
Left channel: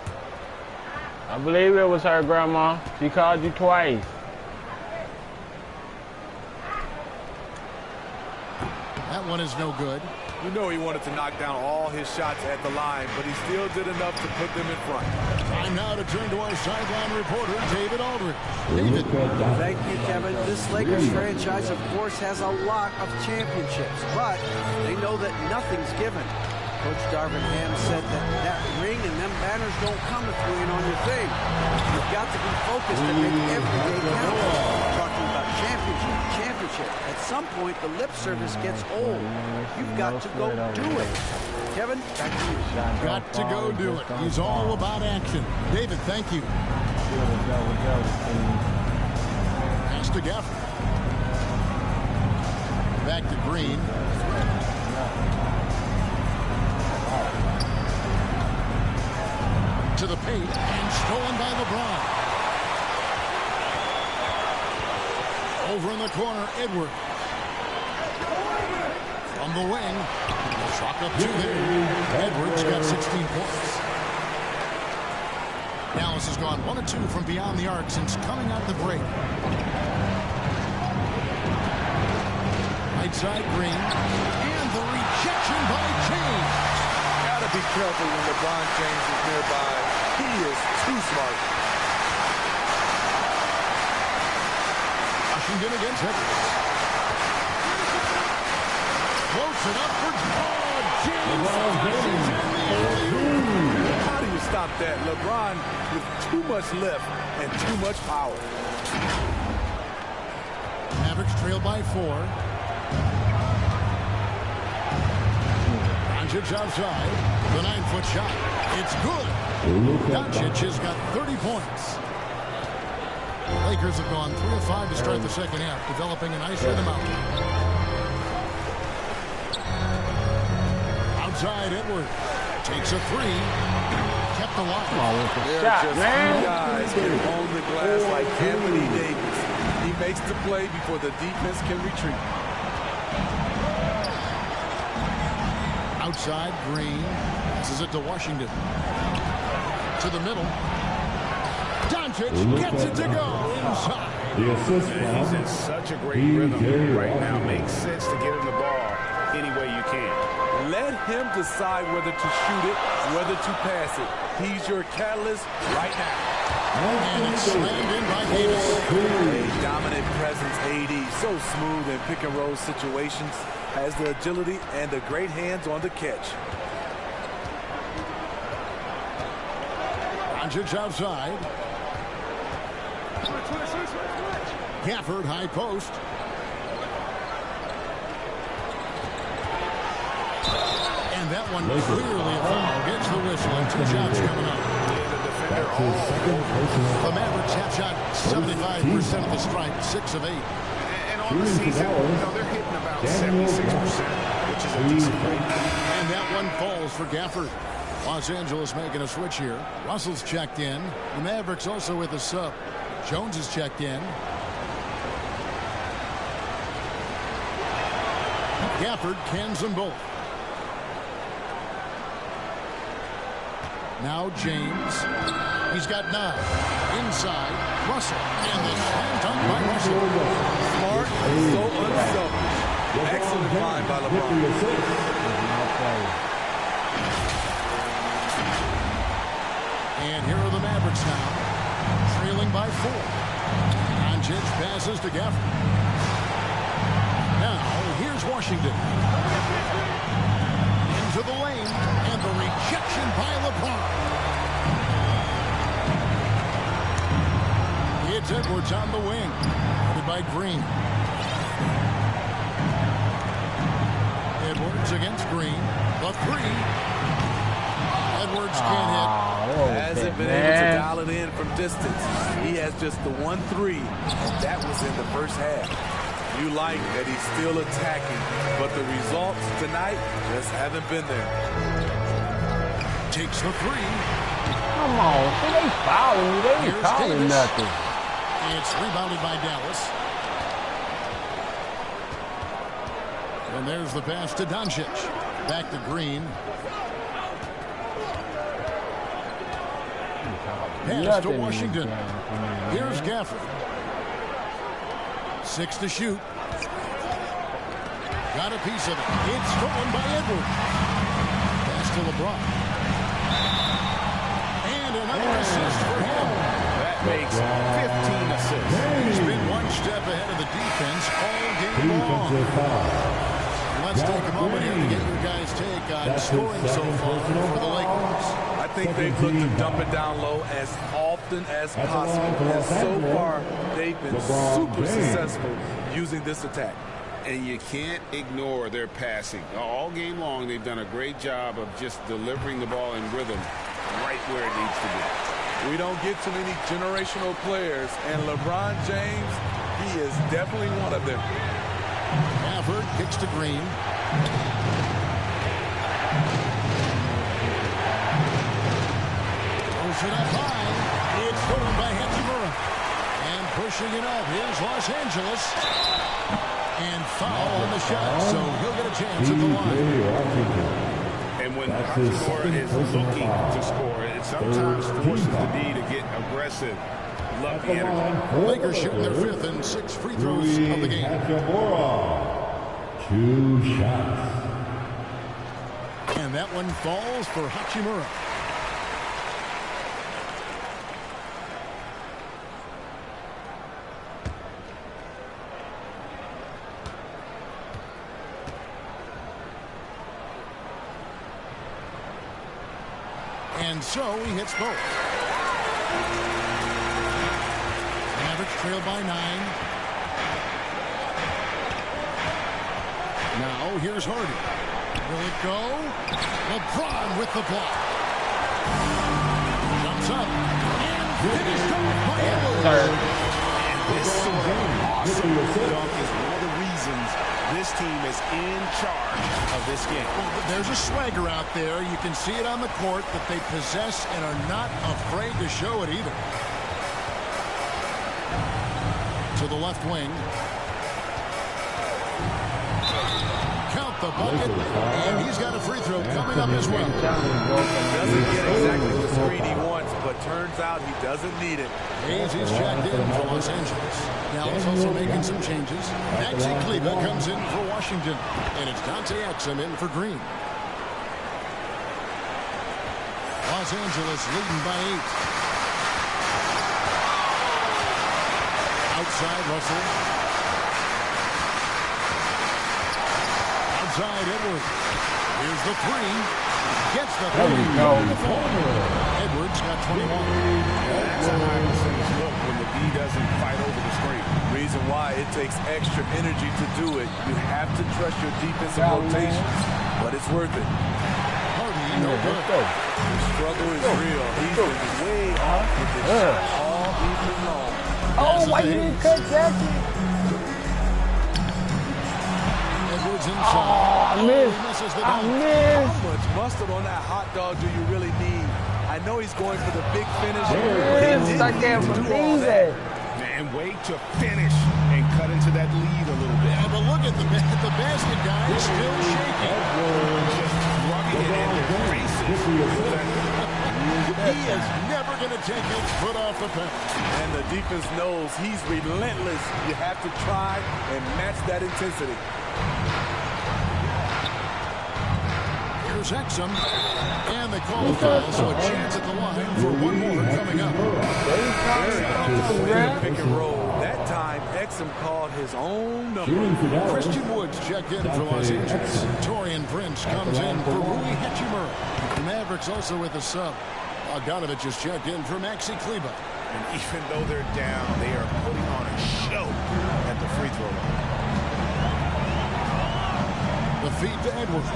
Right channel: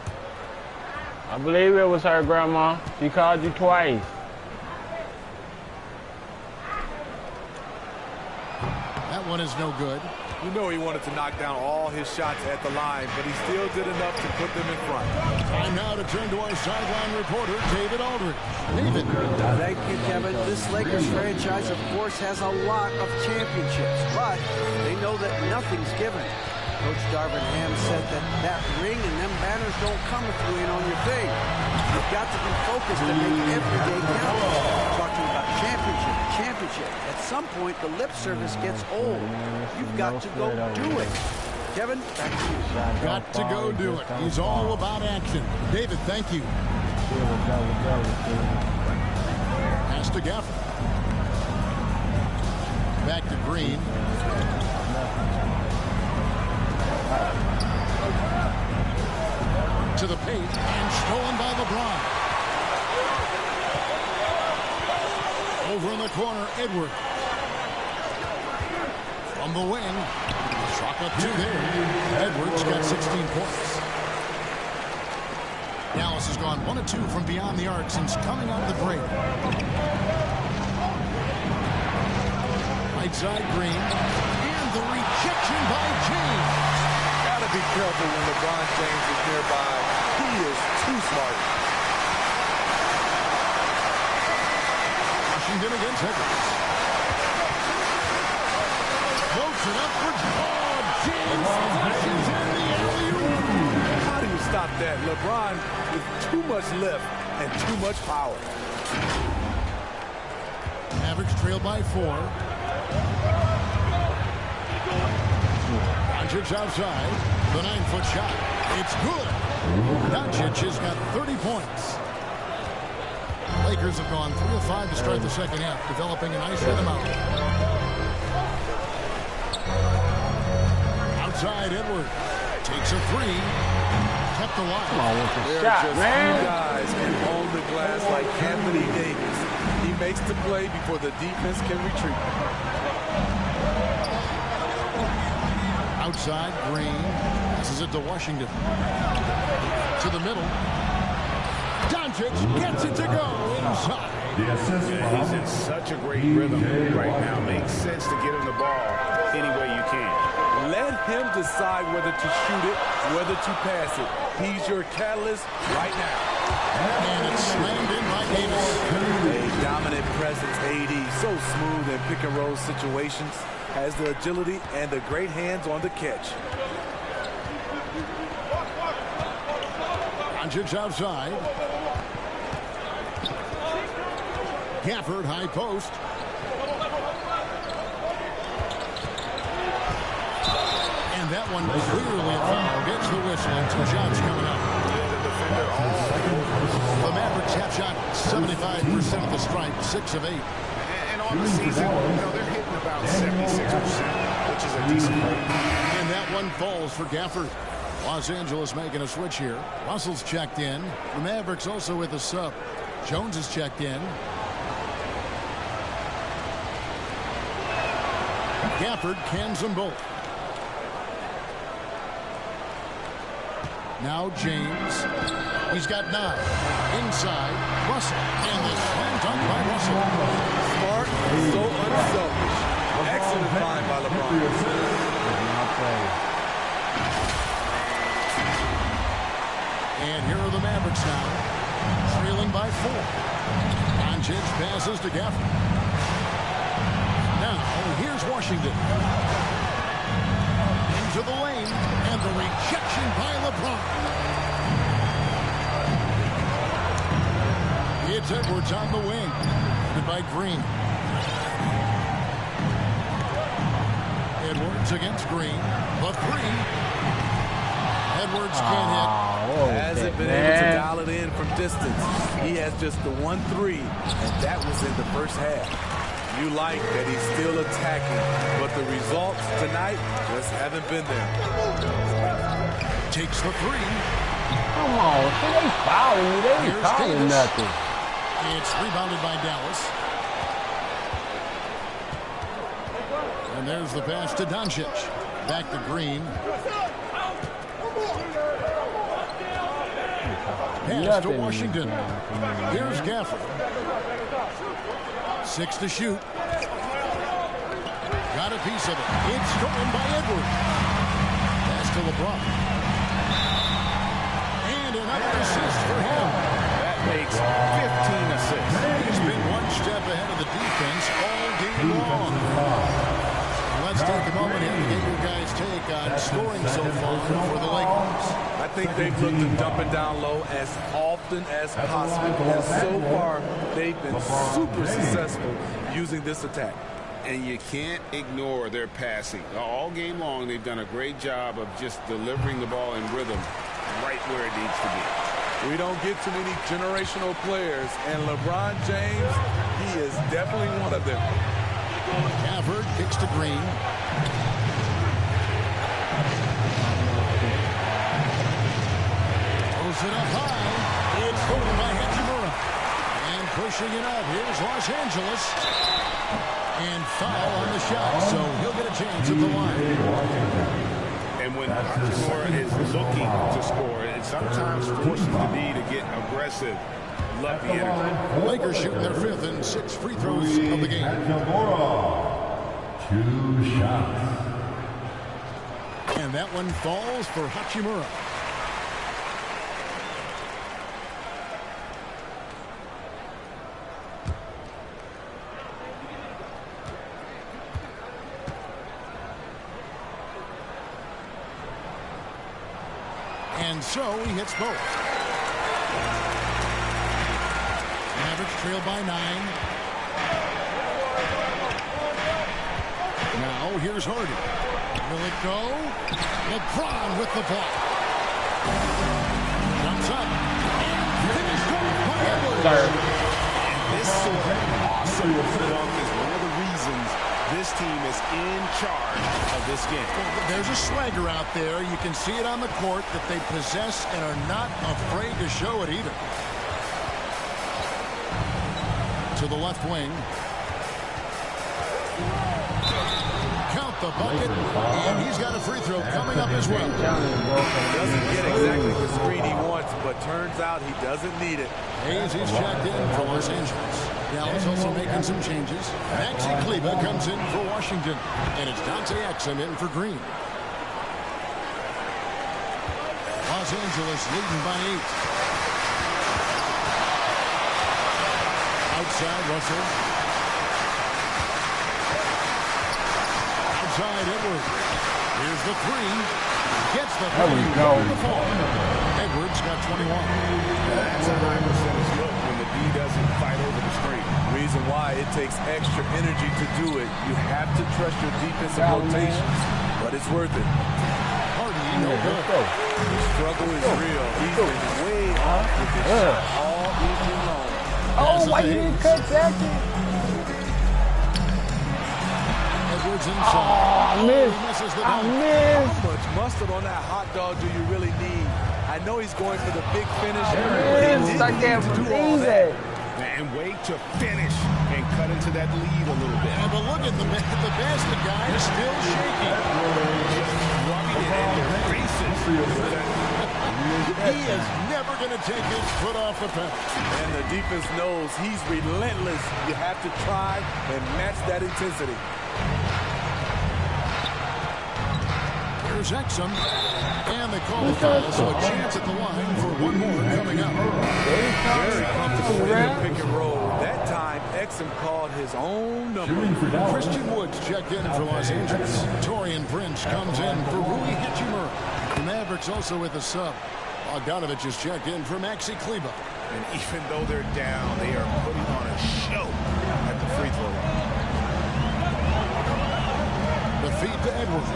I believe it was her, Grandma. She called you twice. That one is no good. You know he wanted to knock down all his shots at the line, but he still did enough to put them in front. Time now to turn to our sideline reporter, David Aldridge. David. Thank you, Kevin. This Lakers franchise, of course, has a lot of championships, but they know that nothing's given. Coach Darvin Ham said that ring and them banners don't come if you ain't on your thing. You've got to be focused and make every day count. Talking about championship. At some point, the lip service gets old. You've got to go do it. Kevin, back to you. Got to go do it. He's all about action. David, thank you. Pass to Gafford. Back to Green. To the paint and stolen by LeBron. Over in the corner, Edwards. From the wing. Chalk up 2 there. Edwards got 16 points. Dallas has gone 1 of 2 from beyond the arc since coming out of the break. Right side, Green. And the rejection by James. Gotta be careful when LeBron James is nearby. He is too smart. Washington against Edwards. Floats it up for James. Flashes in the alley-oop. How do you stop that? LeBron with too much lift and too much power. Mavericks trail by 4. Doncic outside. The 9-foot shot. It's good. Doncic has got 30 points. Lakers have gone 3 of 5 to start the second half, developing a nice rhythm out. Outside, Edwards takes a 3. Kept alive. Come on with the There shot, are just man. few guys can own the glass like Anthony Davis. He makes the play before the defense can retreat. Outside, Green passes it to Washington. To the middle. Doncic gets it to go inside. The assist Yeah, he's in such a great rhythm right now. Makes sense to get him the ball any way you can. Let him decide whether to shoot it, whether to pass it. He's your catalyst right now. And it's slammed in by Davis. A dominant presence, AD. So smooth in pick-and-roll situations. Has the agility and the great hands on the catch. Doncic outside. Gafford, high post. And that one clearly a foul. Gets the whistle and 2 shots coming up. Yeah, the defender all. The Mavericks have shot 75% of the stripe, 6 of 8. And on the season, they're hitting about 76%, which is a decent rate. And that one falls for Gafford. Los Angeles making a switch here. Russell's checked in. The Mavericks also with a sub. Jones is checked in. Gafford cans them both. Now James. He's got 9. Inside, Russell. And the slam dunk by Russell. Smart, so unselfish. Excellent find by LeBron. And here are the Mavericks now, trailing by 4. Doncic passes to Gafford. Now, here's Washington. Into the lane, and the rejection by LeBron. It's Edwards on the wing, guarded by Green. Edwards against Green. The 3. Edwards can't hit. Hasn't been able to dial it in from distance. He has just the 1-3, and that was in the first half. You like that he's still attacking, but the results tonight just haven't been there. Takes the 3. Come on, see, they fouling you. They ain't calling nothing. It's rebounded by Dallas. And there's the pass to Doncic. Back to Green. Pass to Washington. Here's Gafford. 6 to shoot. Got a piece of it. It's stolen by Edwards. Pass to LeBron. And another assist for him. That makes 15 assists. He's been one step ahead of the defense all game long. Let's take a moment here to get your guys' take on scoring so far for the Lakers. I think they've looked to dump it down low as often as possible. And so far, they've been super successful using this attack. And you can't ignore their passing. All game long, they've done a great job of just delivering the ball in rhythm right where it needs to be. We don't get too many generational players, and LeBron James, he is definitely one of them. Gafford kicks to Green. Throws it up high. It's stolen by Hachimura. And pushing it up. Here's Los Angeles. And foul on the shot, so he'll get a chance at the line. And when Hachimura is looking to score, it sometimes forces the D to get aggressive. Love the energy. Lakers shooting their 5th and 6th free throws of the game. 2 shots. And that one falls for Hachimura. And so he hits both. Mavericks trail by 9. Now here's Hardy. Will it go? LeBron with the block. Jumps up and finished off by Edwards. And this sort of awesome dunk is one of the reasons this team is in charge of this game. Well, there's a swagger out there. You can see it on the court that they possess and are not afraid to show it either. To the left wing. Count the bucket. And he's got a free throw coming up as well. Doesn't get exactly the screen he wants, but turns out he doesn't need it. Hayes is checked in for Los Angeles. Dallas also making some changes. Maxi Kleber comes in for Washington. And it's Dante Exum in for Green. Los Angeles leading by 8. Outside Russell. Outside Edwards. Here's the 3. Gets the There we three go. on the fall. Edwards got 21. That's a high percentage look when the D doesn't fight over the screen. Reason why it takes extra energy to do it. You have to trust your defensive Down, rotations, but it's worth it. Hardy, no good. Let's go. The struggle is real. He's been way off with this shot all evening long. Oh, why you didn't cut Jackie? Edwards inside. Oh, I missed. He misses the I dunk. missed. How much mustard on that hot dog do you really need? I know he's going for the big finish, but he Yes, I didn't can't need to do all believe that. it. And wait to finish and cut into that lead a little bit. Yeah, but look at the basket guy is still shaking. Just rubbing it in their faces. He is never going to take his foot off the pedal. And the defense knows he's relentless. You have to try and match that intensity. Here's Exum. And they call the foul, so a chance at the line for one more coming up. Very comfortable in the pick and roll. That time, Exum called his own number. Christian Woods checked in for Los Angeles. Torian Prince comes in for Rui Hachimura. The Mavericks also with a sub. Bogdanovich is checked in for Maxi Kleba. And even though they're down, they are putting on a show at the free throw line. The feed to Edwards.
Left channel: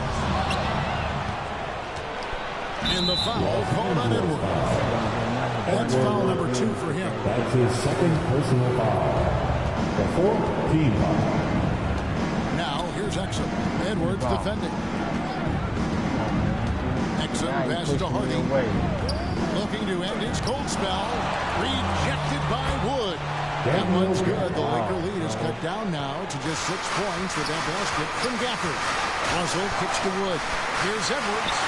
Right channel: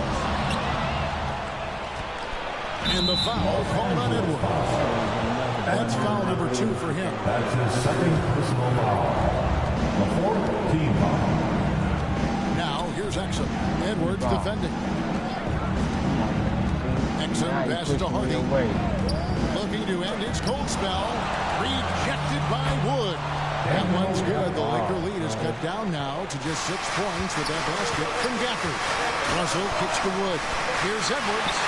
And the foul called on Edwards. That's foul number 2 for him. That's his second personal foul. The fourth team foul. Now here's Exum. Edwards defending. Exum passes to Hardy. Looking to end his cold spell. Rejected by Wood. That one's good. The Laker lead is cut down now to just 6 points with that basket from Gafford. Russell kicks to Wood. Here's Edwards.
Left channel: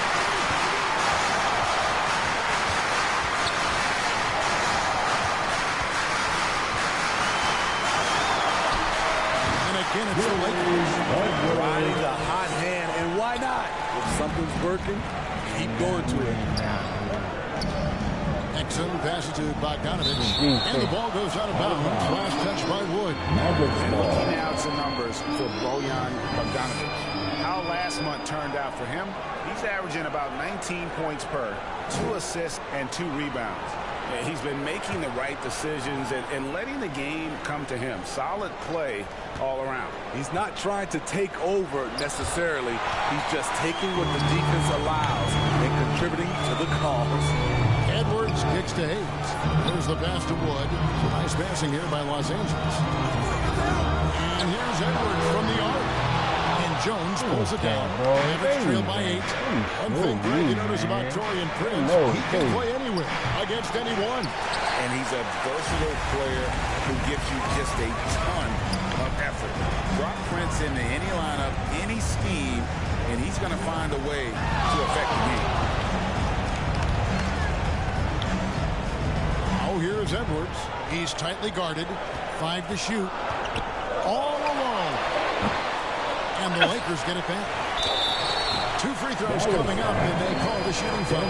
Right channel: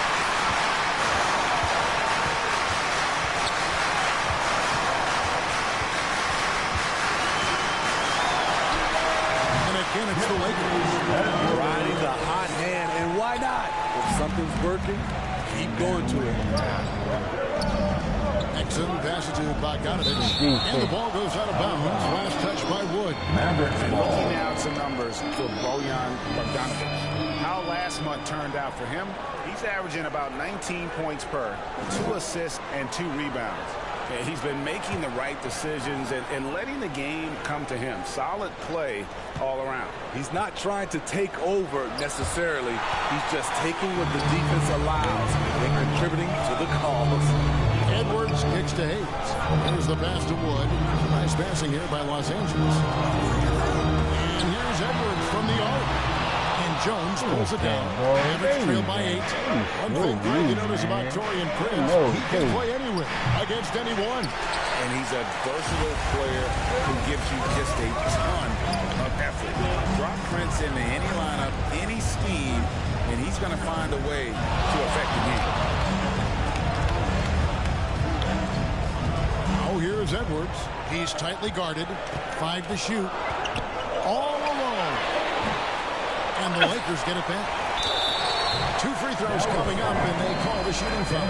Again, it's the Lakers. Riding the hot hand, and why not? If something's working, keep going to it. Exum passes to Bogdanovich, and the ball goes out of bounds. Last touch by Wood. And looking now at some numbers for Bojan Bogdanovic. How last month turned out for him, he's averaging about 19 points per, 2 assists, and 2 rebounds. He's been making the right decisions and letting the game come to him. Solid play all around. He's not trying to take over necessarily. He's just taking what the defense allows and contributing to the cause. Edwards kicks to Hayes. There's the pass to Wood. Nice passing here by Los Angeles. And here's Edwards from the arc. And Jones pulls it down. Mavericks trail by 8. One thing Greg, you notice about Torian Prince, he can play anywhere, against anyone. And he's a versatile player who gives you just a ton of effort. Drop Prince into any lineup, any scheme, and he's going to find a way to affect the game. Now here's Edwards. He's tightly guarded. 5 to shoot. All alone. And the Lakers get it back. 2 free throws coming up, and they call the shooting foul.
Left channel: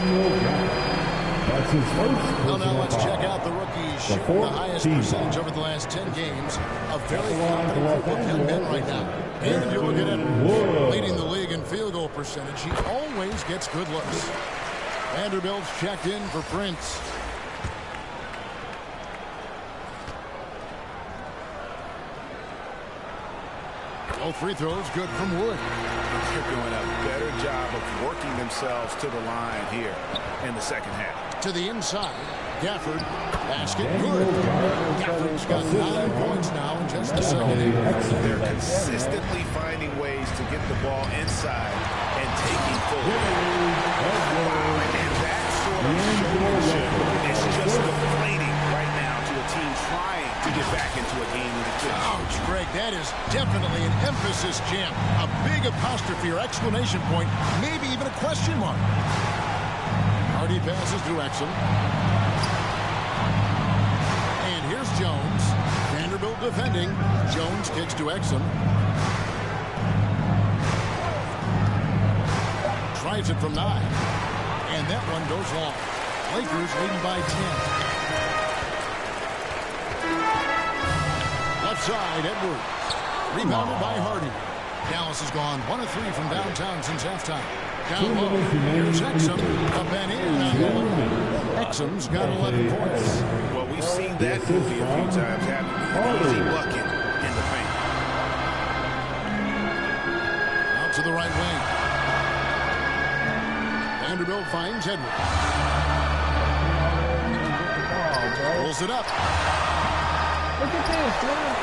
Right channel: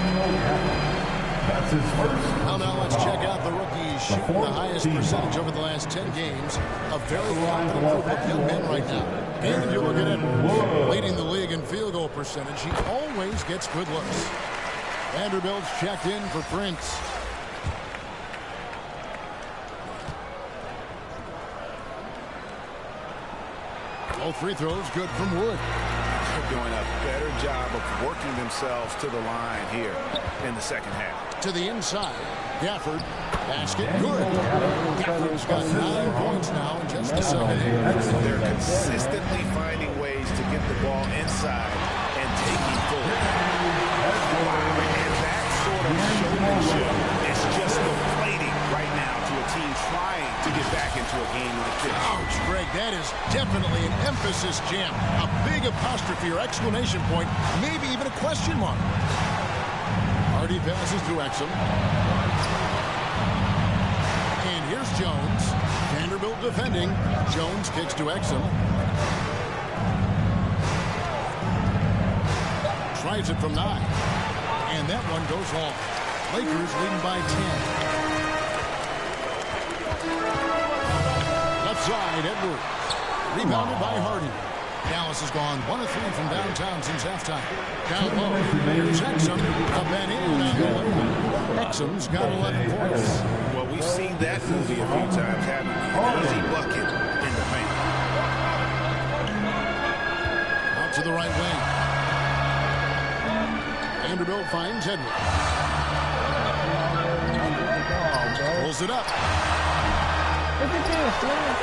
That's his first. Well, now let's check out the rookies shooting the highest percentage over the last 10 games. A very confident group of young men right now. And you look at Edwards, leading the league in field goal percentage. He always gets good looks. Vanderbilt's checked in for Prince. Both free throws good from Wood. They're doing a better job of working themselves to the line here in the second half. To the inside, Gafford, basket good. Gafford's got 9 points now in just the second half. They're consistently finding ways to get the ball inside and taking full. Wow, and that sort of showmanship is just deflating right now to a team trying to get back into a game with a Ouch, Greg, that is definitely an emphasis jam. A big apostrophe or exclamation point, maybe even a question mark. Hardy passes to Exum. And here's Jones. Vanderbilt defending. Jones kicks to Exum. Tries it from 9. And that one goes long. Lakers leading by 10. Left side, Edwards. Rebounded by Hardy. Dallas has gone 1 of 3 from downtown since halftime. Down low, here's Exum. Up and in on the layup. Exum's got 11 points. Well, we've seen that movie a few times, haven't we? An easy bucket in the paint. Out to the right wing. Vanderbilt finds Edwards. Pulls it up. Look at this, man.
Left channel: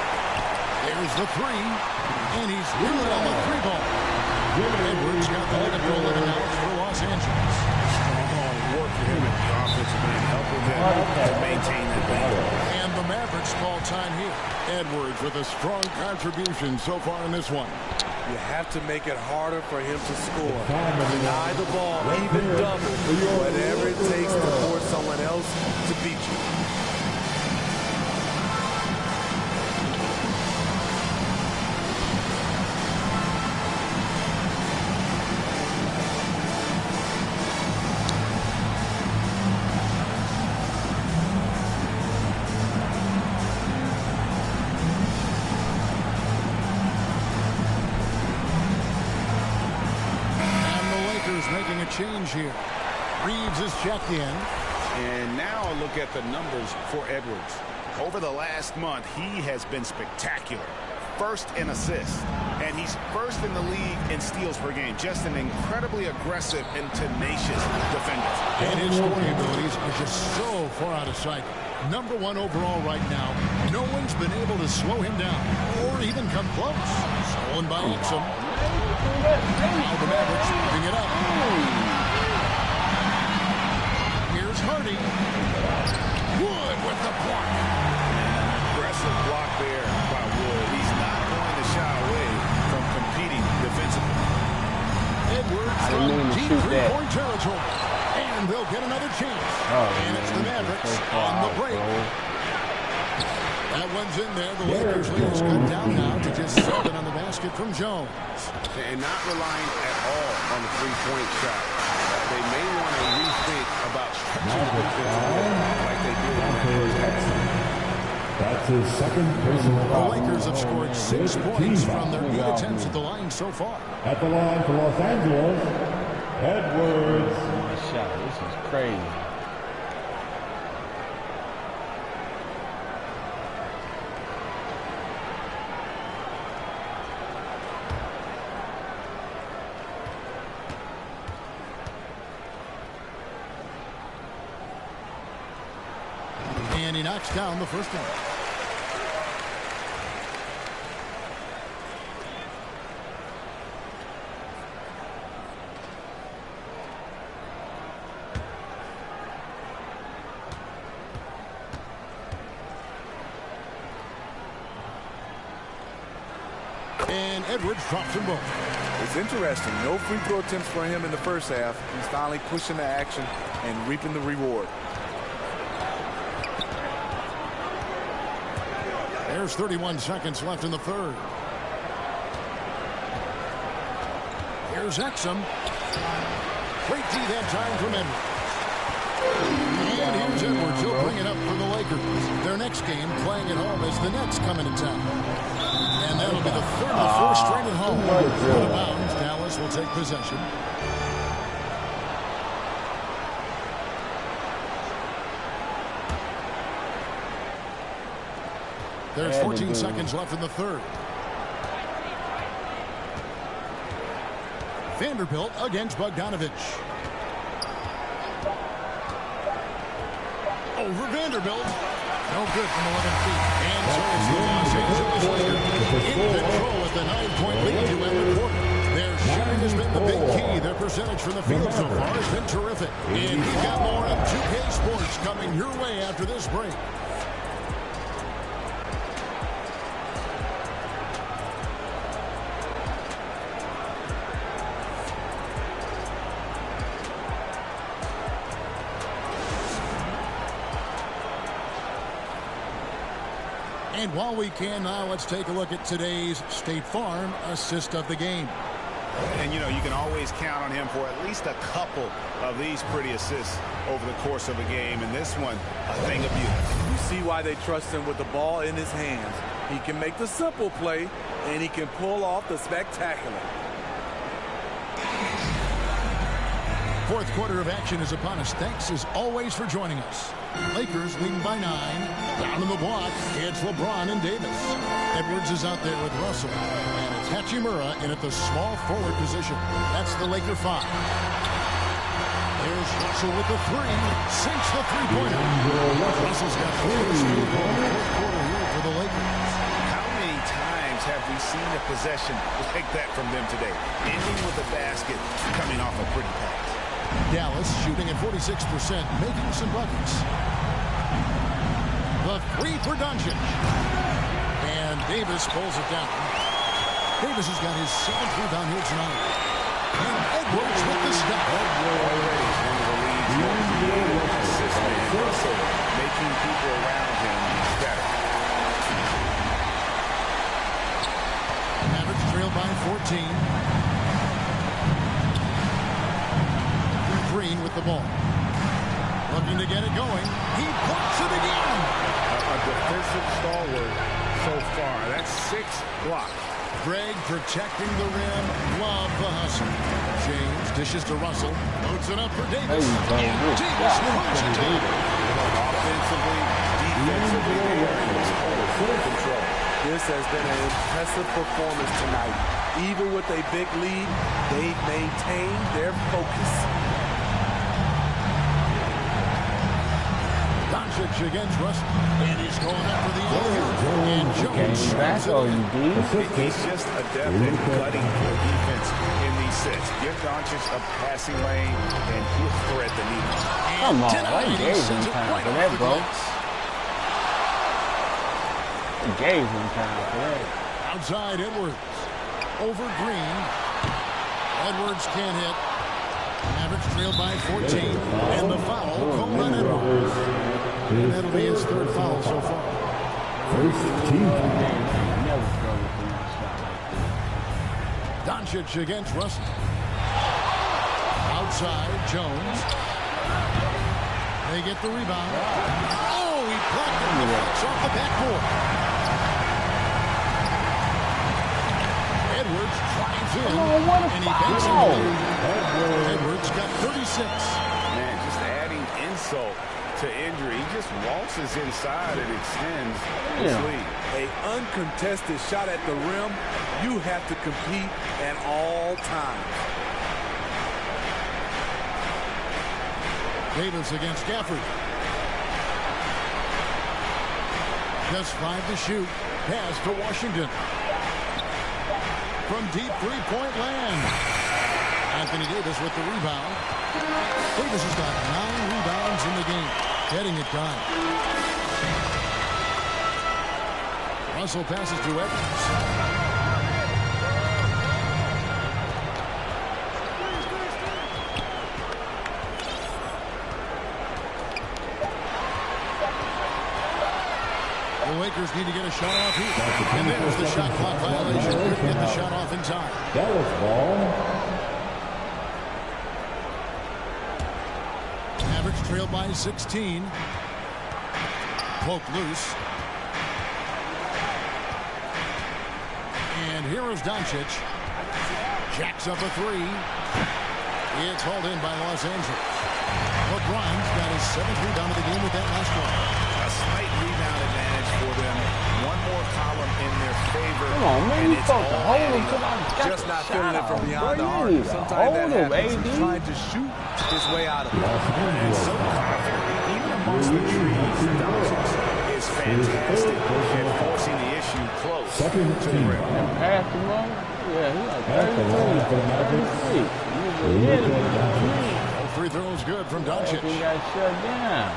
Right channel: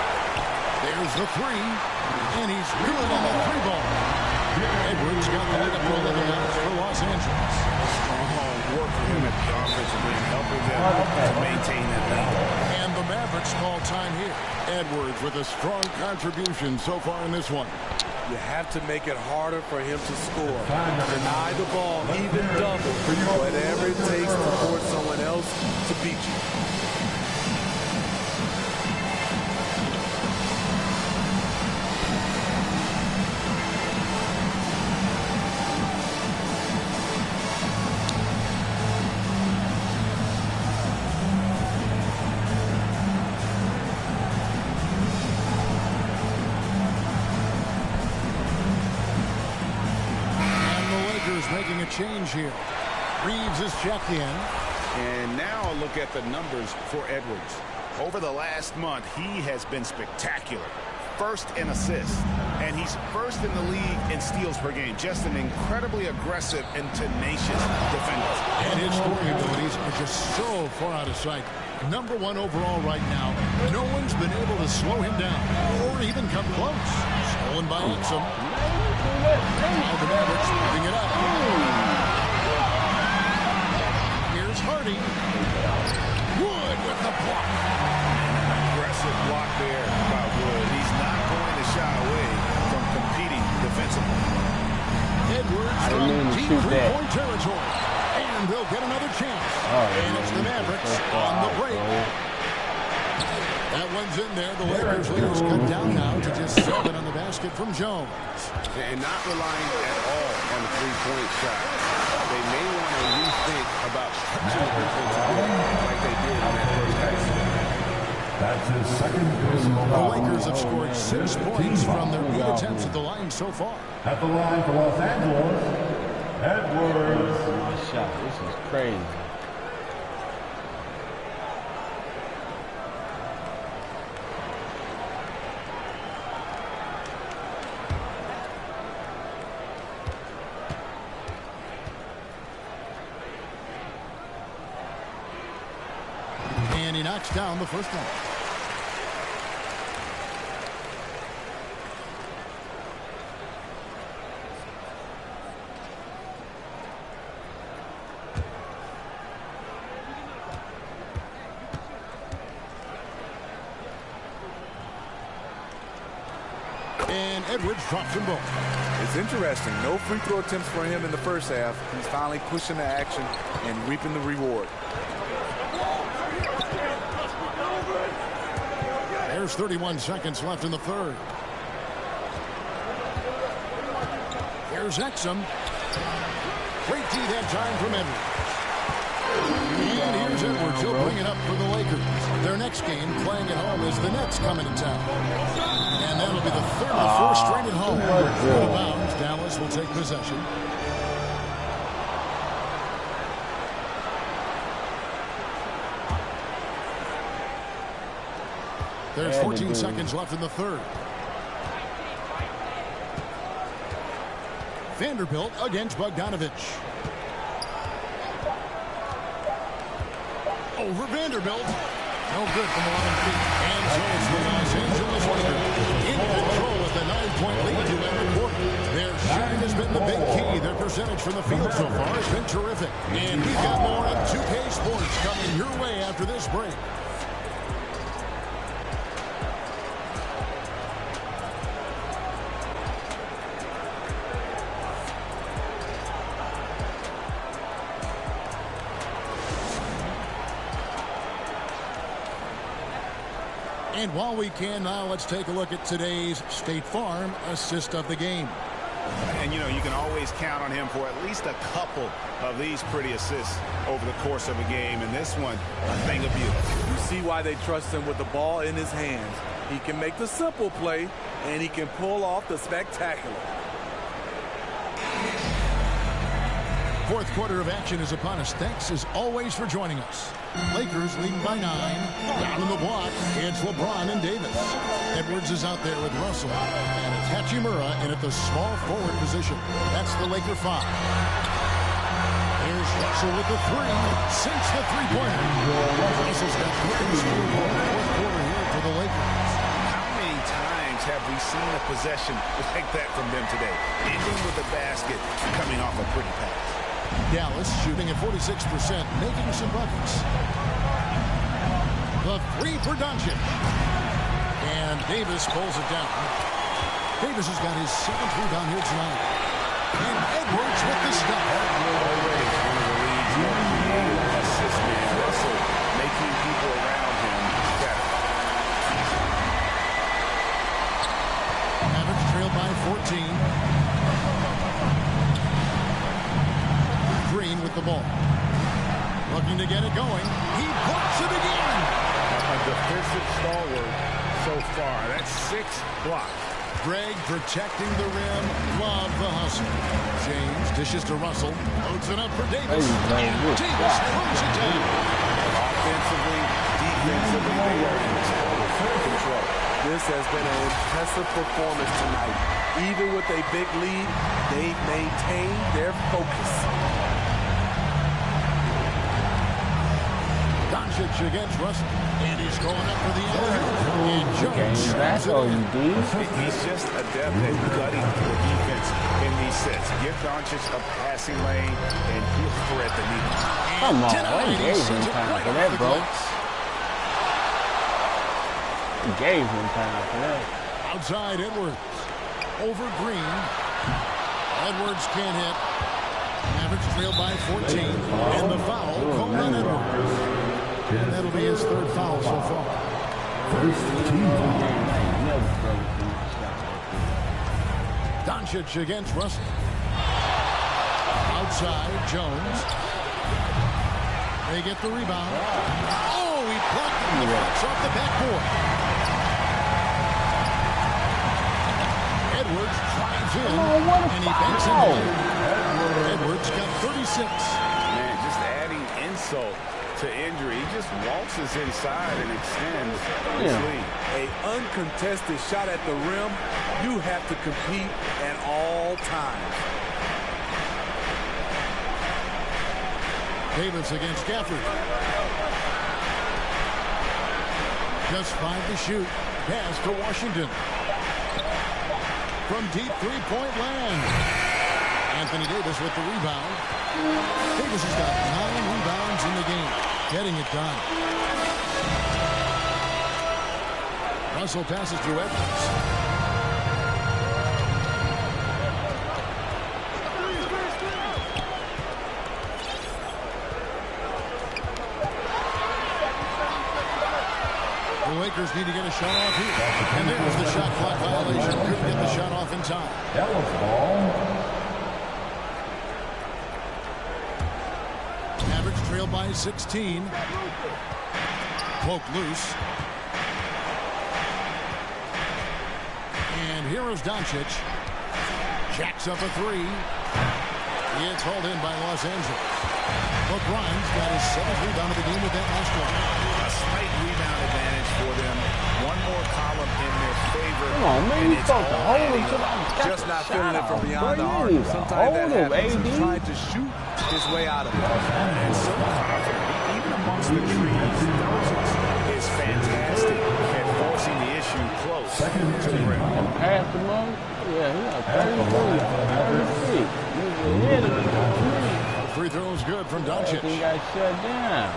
There's the three, and he's good on the 3 ball. Edwards got the leg up to 11 now for Los Angeles. Strong work for him at the offensive end, helping them to maintain that lead. And the Mavericks call time here. Edwards with a strong contribution so far in this one. You have to make it harder for him to score. Deny the ball, even double, whatever it takes to force someone else to beat you. Making a change here. Reeves is checked in. And now a look at the numbers for Edwards. Over the last month, he has been spectacular. First in assists, and he's first in the league in steals per game. Just an incredibly aggressive and tenacious defender. And his scoring abilities are just so far out of sight. Number 1 overall right now. No one's been able to slow him down or even come close. Stolen by Exum. Now the Mavericks moving it up. Here's Hardy. Wood with the block. And an aggressive block there by Wood. He's not going to shy away from competing defensively. Edwards from deep 3-point territory. And they'll get another chance. And it's the Mavericks on the break. That one's in there. The Lakers lead is cut down now to just 7 on the basket from Jones. And not relying at all on the 3-point shot. They may want to rethink about stretching the defense again like they did in that first half. That's his second personal The foul. Lakers have scored 6 points from their 8 attempts at the line so far. At the line for Los Angeles, Edwards. This is my shot. This is crazy. And he knocks down the first one. And Edwards drops them both. It's interesting. No free throw attempts for him in the first half. He's finally pushing the action and reaping the reward. There's 31 seconds left in the third. Here's Exum. Great D that time from Edwards. And here's Edwards. He'll bring it up for the Lakers. Their next game playing at home as the Nets coming to town. And that'll be the third of the 4 straight at home. Out of bounds, Dallas will take possession. There's 14 seconds left in the third. Vanderbilt against Bogdanovich. Over Vanderbilt. No good from 11 feet. And so it's the Los Angeles Lakers in control with the 9-point lead to end the quarter. Their shooting has been the big key. Their percentage from the field so far has been terrific. And we've got more on 2K Sports coming your way after this break. And while we can now, let's take a look at today's State Farm assist of the game. And, you know, you can always count on him for at least a couple of these pretty assists over the course of a game. And this one, a thing of beauty. You see why they trust him with the ball in his hands. He can make the simple play, and he can pull off the spectacular. Fourth quarter of action is upon us. Thanks, as always, for joining us. Lakers leading by 9. Down in the block, it's LeBron and Davis. Edwards is out there with Russell. And it's Hachimura in at the small forward position. That's the Laker 5. There's Russell with the 3. Sinks the three-pointer. Russell's got 3 to score in the fourth quarter here for the Lakers. How many times have we seen a possession like that from them today? Ending with a basket, coming off a pretty pass. Dallas shooting at 46%, making some buckets. The 3 for Doncic. And Davis pulls it down. Davis has got his 7th rebound here tonight. And Edwards with the stop. Already one of the league's more creative assist men. Russell making people around him better. Mavericks trail by 14. Green with the ball. Looking to get it going. He blocks it again. A defensive stalwart so far. That's 6 blocks. Greg protecting the rim. Love the hustle. James dishes to Russell. Loads it up for Davis. And Davis throws it down. Offensively, defensively, they are in total control. This has been an impressive performance tonight. Even with a big lead, they've maintained their focus. Doncic against Russell. And he's going up for the alley-oop. And Jones that's all you do. He's just adept at gutting the defense in these sets. Give Doncic a passing lane, and he'll thread the needle. Come on, I gave him time for that, bro. I gave him time for that. Outside Edwards. Over Green. Edwards can't hit. Mavericks trail by 14. And the foul called on Edwards. And that'll be his 3rd foul so far. First team foul. I ain't never struggled for my shot like this. Doncic against Russell. Outside Jones. They get the rebound. Oh, he blocked it and deflects off the backboard. Edwards drives in, and he banks it away. Edwards got 36. Man, just adding insult to injury. He just waltzes inside and extends his lead. An uncontested shot at the rim, you have to compete at all times. Davis against Gafford. Just 5 to shoot. Pass to Washington. From deep three-point land. Anthony Davis with the rebound. Davis has got 9 rebounds in the game. Getting it done. Russell passes to Edwards. The Lakers need to get a shot off here. And there's the shot clock violation. Couldn't get the shot off in time. Dallas ball. Mavericks trail by 16. Poke loose. And here is Doncic. Jacks up a 3. It's hauled in by Los Angeles. LeBron's got his 7th rebound of the game with that last one. A slight rebound advantage for them. One more column in their favor. Come on, man, you supposed to hold him till I got Just not feeling it from beyond the arc. arc. Sometimes that happens. He's trying to shoot his way out of it. And so confident. Even amongst the trees, Doncic is fantastic at forcing the issue close to the rim. And pass him up. Yeah, he had 33. He was ahead of me on me. Free throws good from Doncic. He got shut down.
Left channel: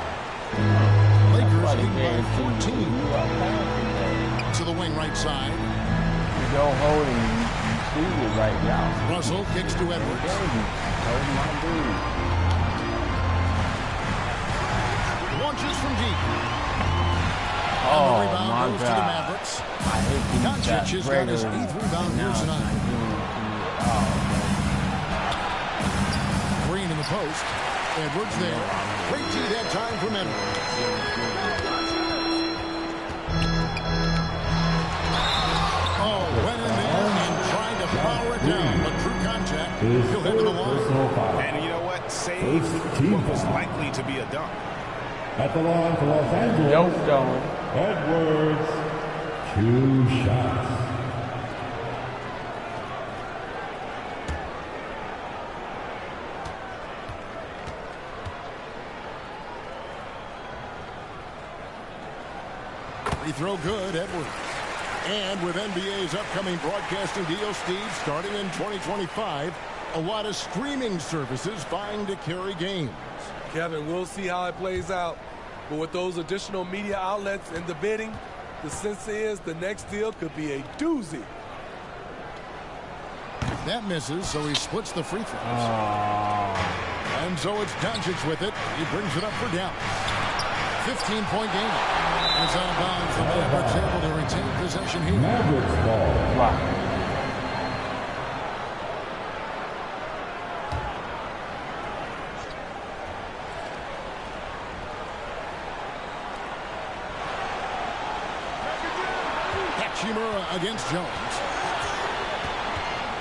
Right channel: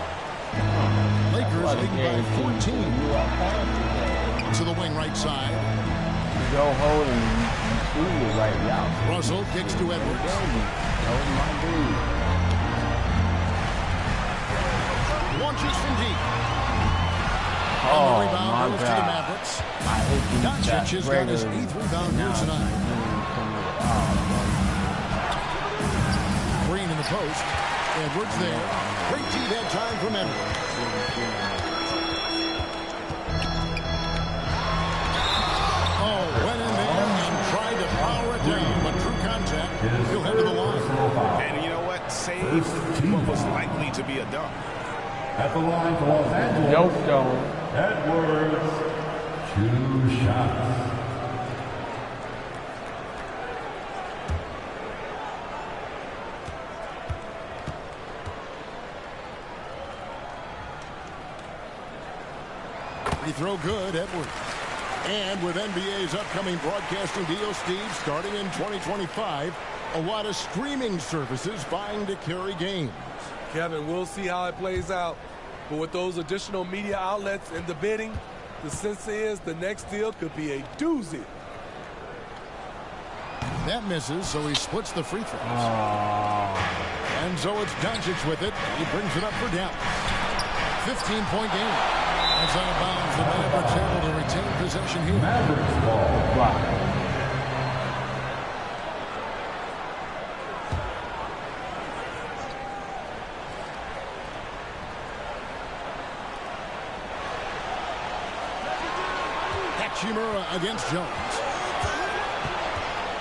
Lakers lead by 14. To the wing right side. You go hold and you see it right out. Russell kicks to Edwards. Hold my dude. Launches from deep. Oh, and the rebound my goes God. to the Mavericks. I hit these Doncic has got his 8th rebound here tonight. Oh, Green in the post. Edwards there. Great D that time from Edwards. Oh, went in there and tried to power it down, but drew contact. He'll head to the line. And you know what? Saved what was likely to be a dunk. At the line for Los Angeles, Edwards, 2 shots. Free throw good, Edwards. And with NBA's upcoming broadcasting deal, Steve, starting in 2025, a lot of streaming services vying to carry games. Kevin, we'll see how it plays out. But with those additional media outlets in the bidding, the sense is the next deal could be a doozy. That misses, so he splits the free throws. And so it's Doncic with it. He brings it up for Dallas. 15-point game. As out of bounds, the Mavericks able to retain possession here. Mavericks ball. Block. Hachimura against Jones.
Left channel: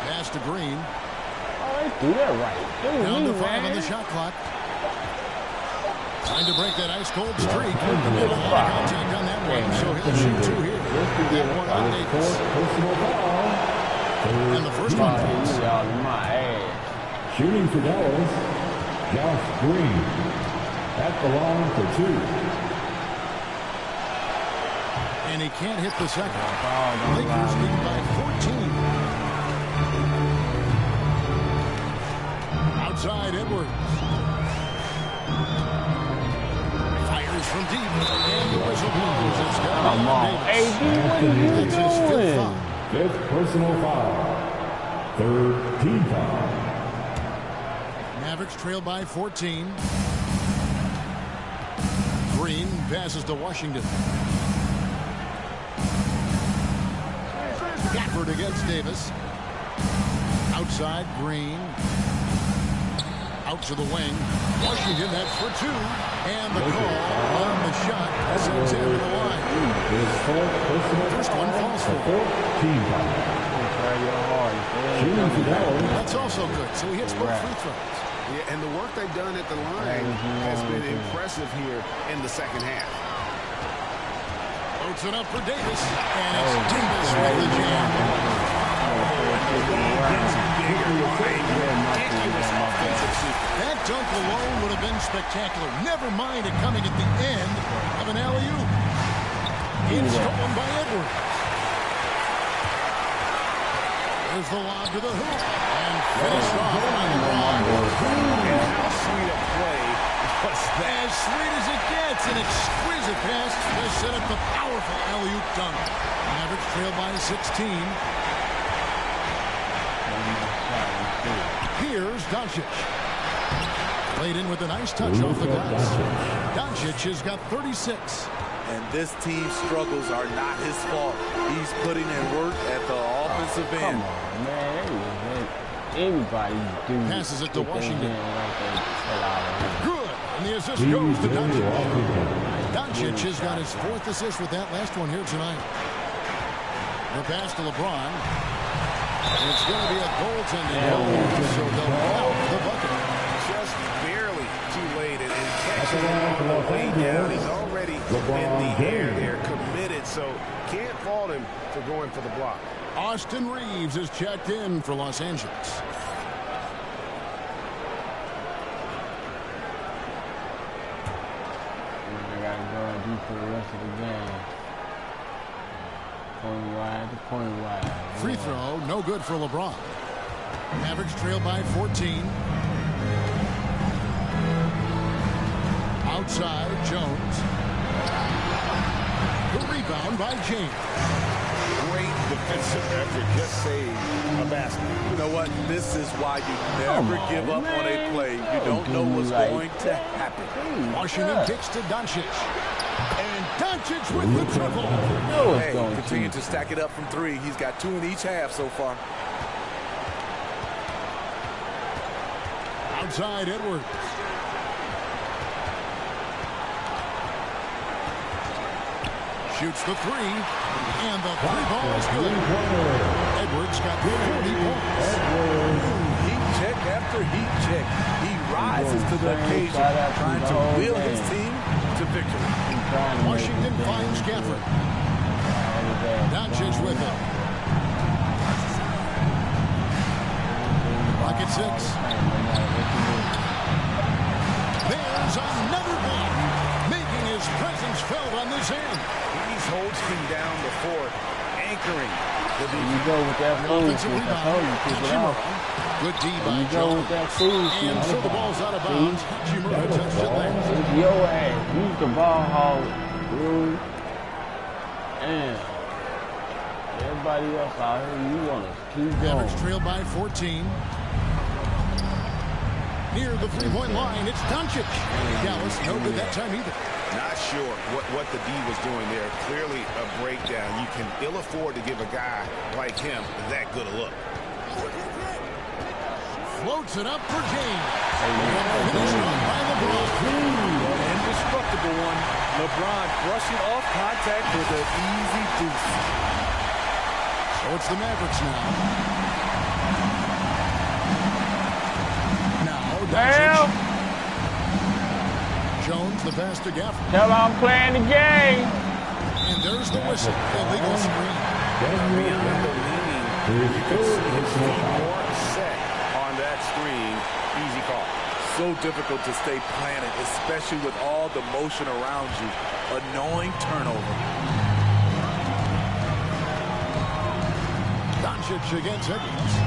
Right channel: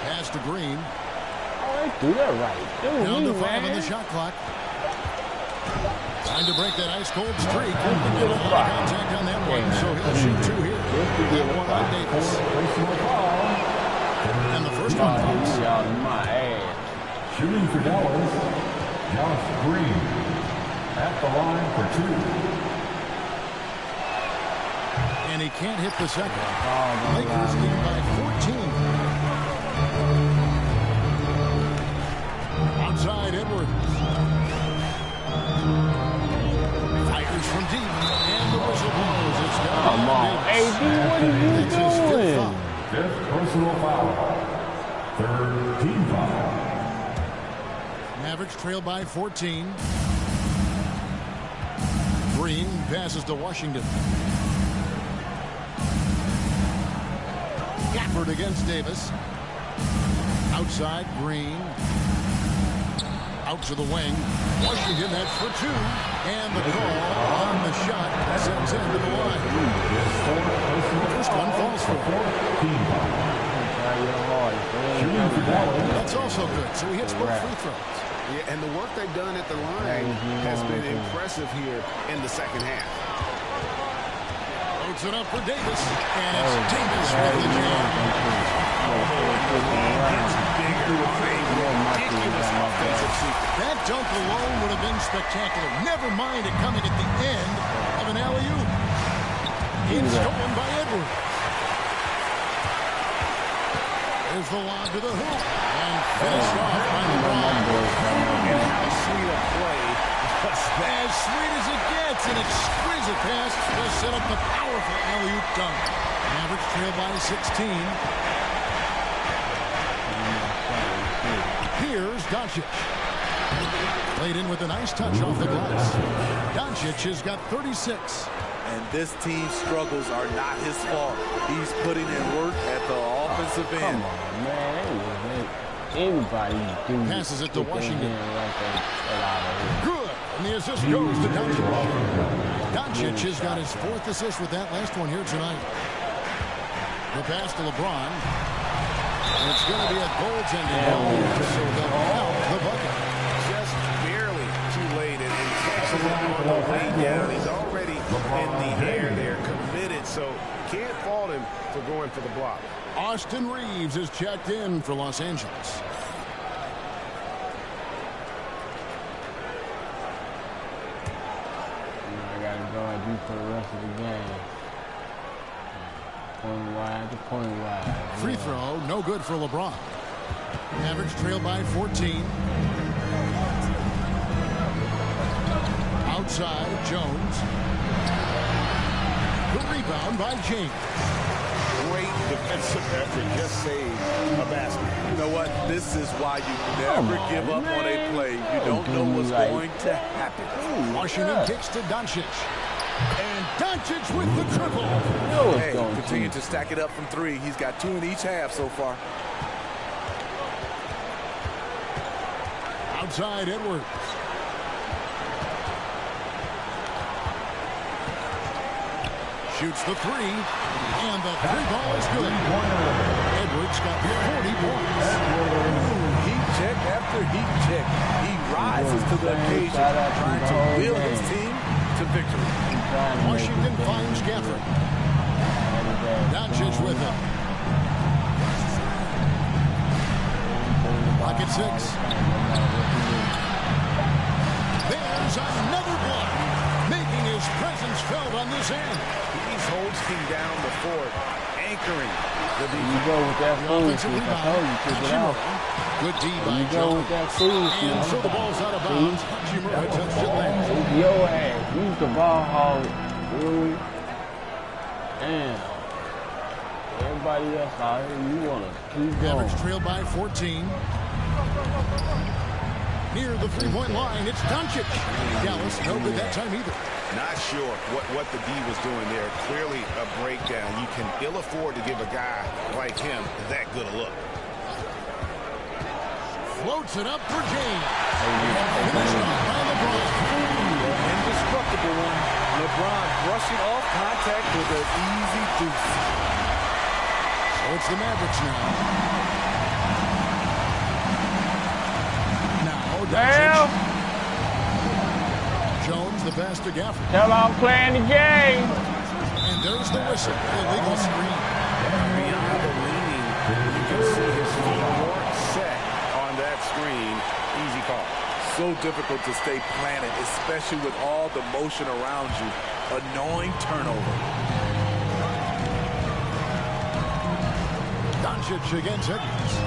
Pass to Green. Oh, they do that right. Down to 5 on the shot clock. Time to break that ice-cold streak. And a lot of contact on that one, so he'll shoot 2 here. That one on Davis. And the first one falls. Shooting for Dallas, Josh Green. At the line for 2. And he can't hit the second. Lakers lead by 14. Outside Edwards. Fires from deep. And the whistle blows. It's got to be on Davis. AD, what are you That's his 5th foul. 5th personal foul. 3rd team foul. Mavericks trail by 14. Green passes to Washington. Gafford against Davis. Outside, Green. Out to the wing. Washington, that's for 2. And the call on the shot sends him to the line. First one falls for 4th team foul. Shooting for Dallas. That's also good, so he hits both free throws. Yeah, and the work they've done at the line has been impressive here in the second half. Loads it up for Davis, and it's Davis with the jam. And the lead gets bigger on a ridiculous offensive sequence. That dunk alone would have been spectacular. Never mind it coming at the end of an alley-oop. It's stolen by Edwards. There's the lob to the hoop, and finished off by LeBron. And how sweet a play was that? As sweet as it gets, an exquisite pass to set up the powerful alley-oop dunk. Mavericks trail by 16. Here's Doncic. Played in with a nice touch off the glass. Doncic has got 36. And this team's struggles are not his fault. He's putting in work at the offensive end. Come on, man. Anybody do passes it to Washington. Right good. And the assist goes to Doncic. Doncic has got his 4th assist with that last one here tonight. The pass to LeBron. It's going to be a goaltending goal, so they'll count the bucket. Just barely too late, and catches it on the way down. He's already in the air there, committed, so can't fault him for going for the block. Austin Reeves is checked in for Los Angeles. I got to go and do for the rest of the game. Point wide to point wide. Free throw, no good for LeBron. Mavericks trail by 14. Outside, Jones. The rebound by James. Great defensive effort, just saved a basket. You know what? This is why you never give up on a play. You don't know what's going to happen. Washington kicks to Doncic. And Doncic with the triple. Hey, continue to stack it up from 3. He's got 2 in each half so far. Outside Edwards. Shoots the three, and the three ball is good. Edwards got 40 points. Ooh, heat check after heat check. He rises to the occasion, trying to wheel his team to victory. Washington finds Gafford. Doncic with it. Block at 6. There's another block, making his presence felt on this end. He's holding down the fort, anchoring the defense. You go with that Offensive food. I told you, keep it out. Hachimura. Good D by You go with that food. And so the ball's out of bounds. Hachimura touched it last. It's your ass. Use the ball hog, Rui. Damn. Everybody else out here, you want to keep going. Mavericks trail by 14. Near the three-point line, it's Doncic. Dallas no good that time either. Not sure what the D was doing there. Clearly a breakdown. You can ill afford to give a guy like him that good a look. Floats it up for James. And finished off by LeBron. Indestructible one. LeBron brushing off contact with an easy deuce. So it's the Mavericks now. Now, Doncic. Jones, the pass to Gafford. Tell I'm playing the game. And there's the whistle. Illegal screen. Beyond the leaning, you can see his feet more set on that screen. Easy call. So difficult to stay planted, especially with all the motion around you. Annoying turnover. Doncic against Edwards.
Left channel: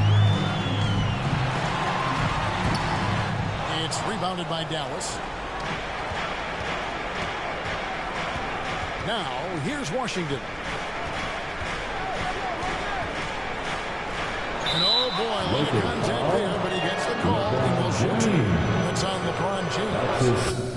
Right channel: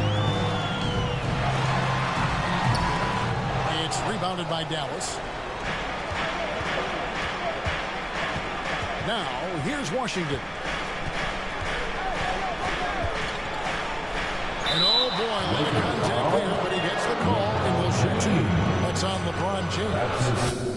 It's rebounded by Dallas. Now, here's Washington. And oh boy, a lot of contact there, but he gets the call and will shoot two. That's on LeBron James.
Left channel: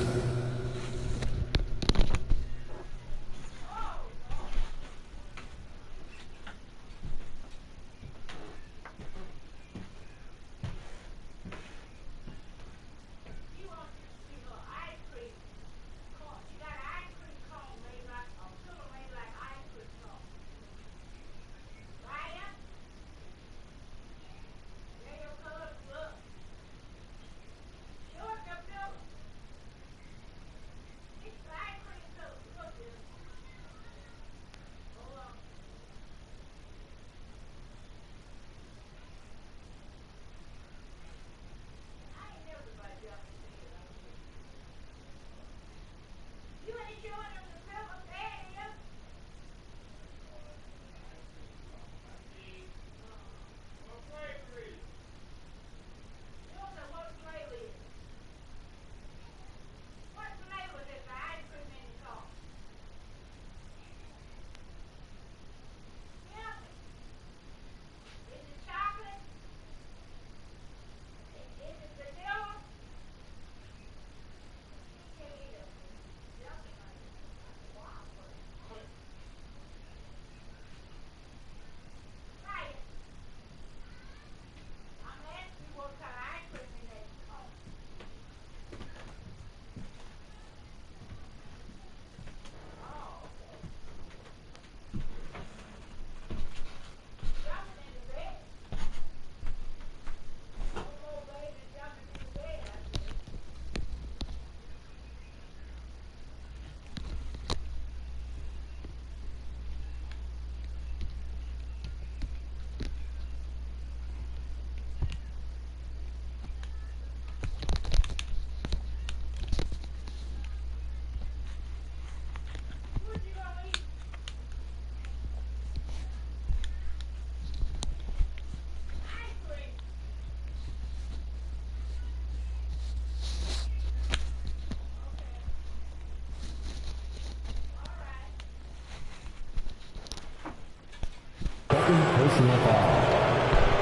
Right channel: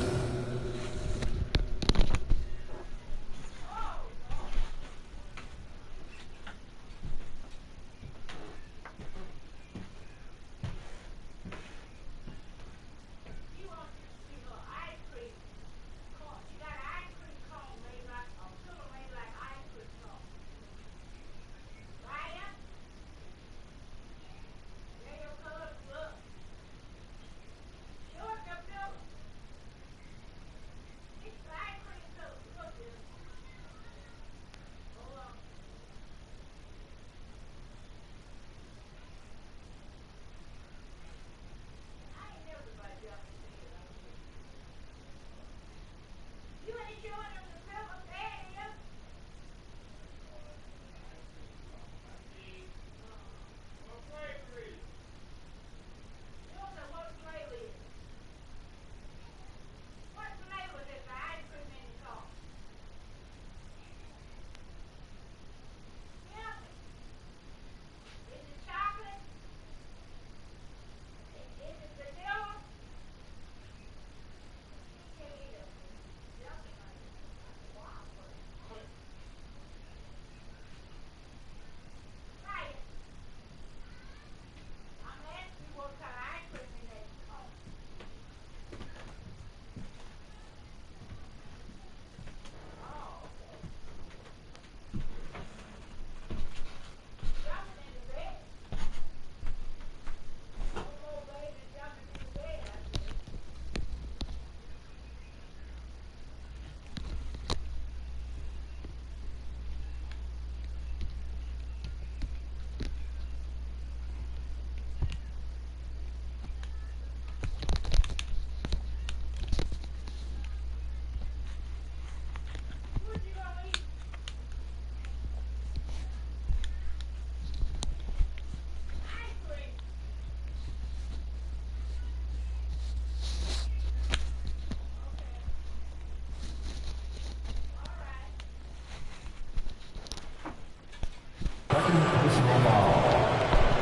Second personal foul.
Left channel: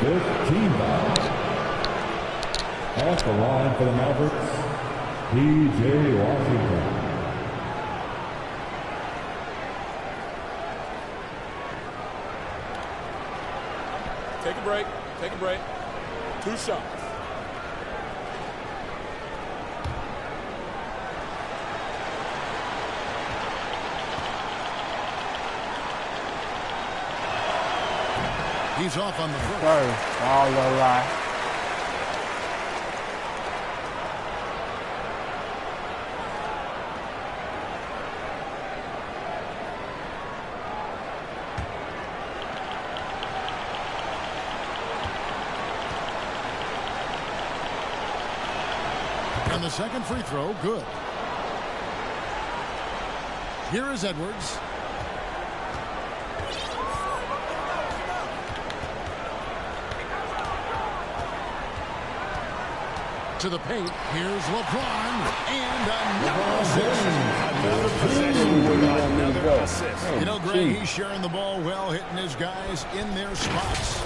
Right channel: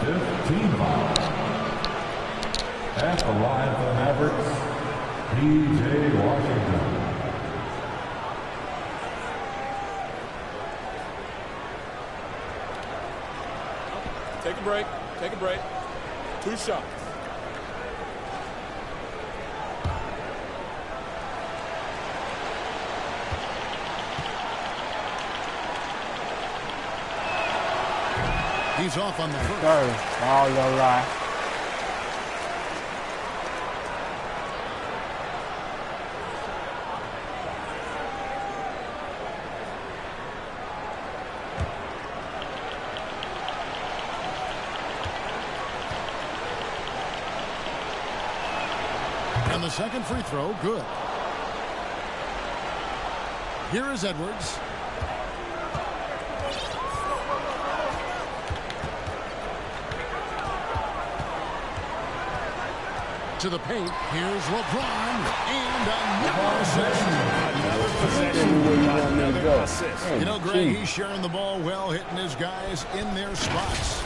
15 foul. At the line for the Mavericks, P.J. Washington. Take a break. Take a break. 2 shots. He's off on the first. Sorry, all no lie. And the second free throw, good. Here is Edwards. To the paint. Here's LeBron. And another assist. Another possession with another assist. You know, Greg, he's sharing the ball well, hitting his guys in their spots.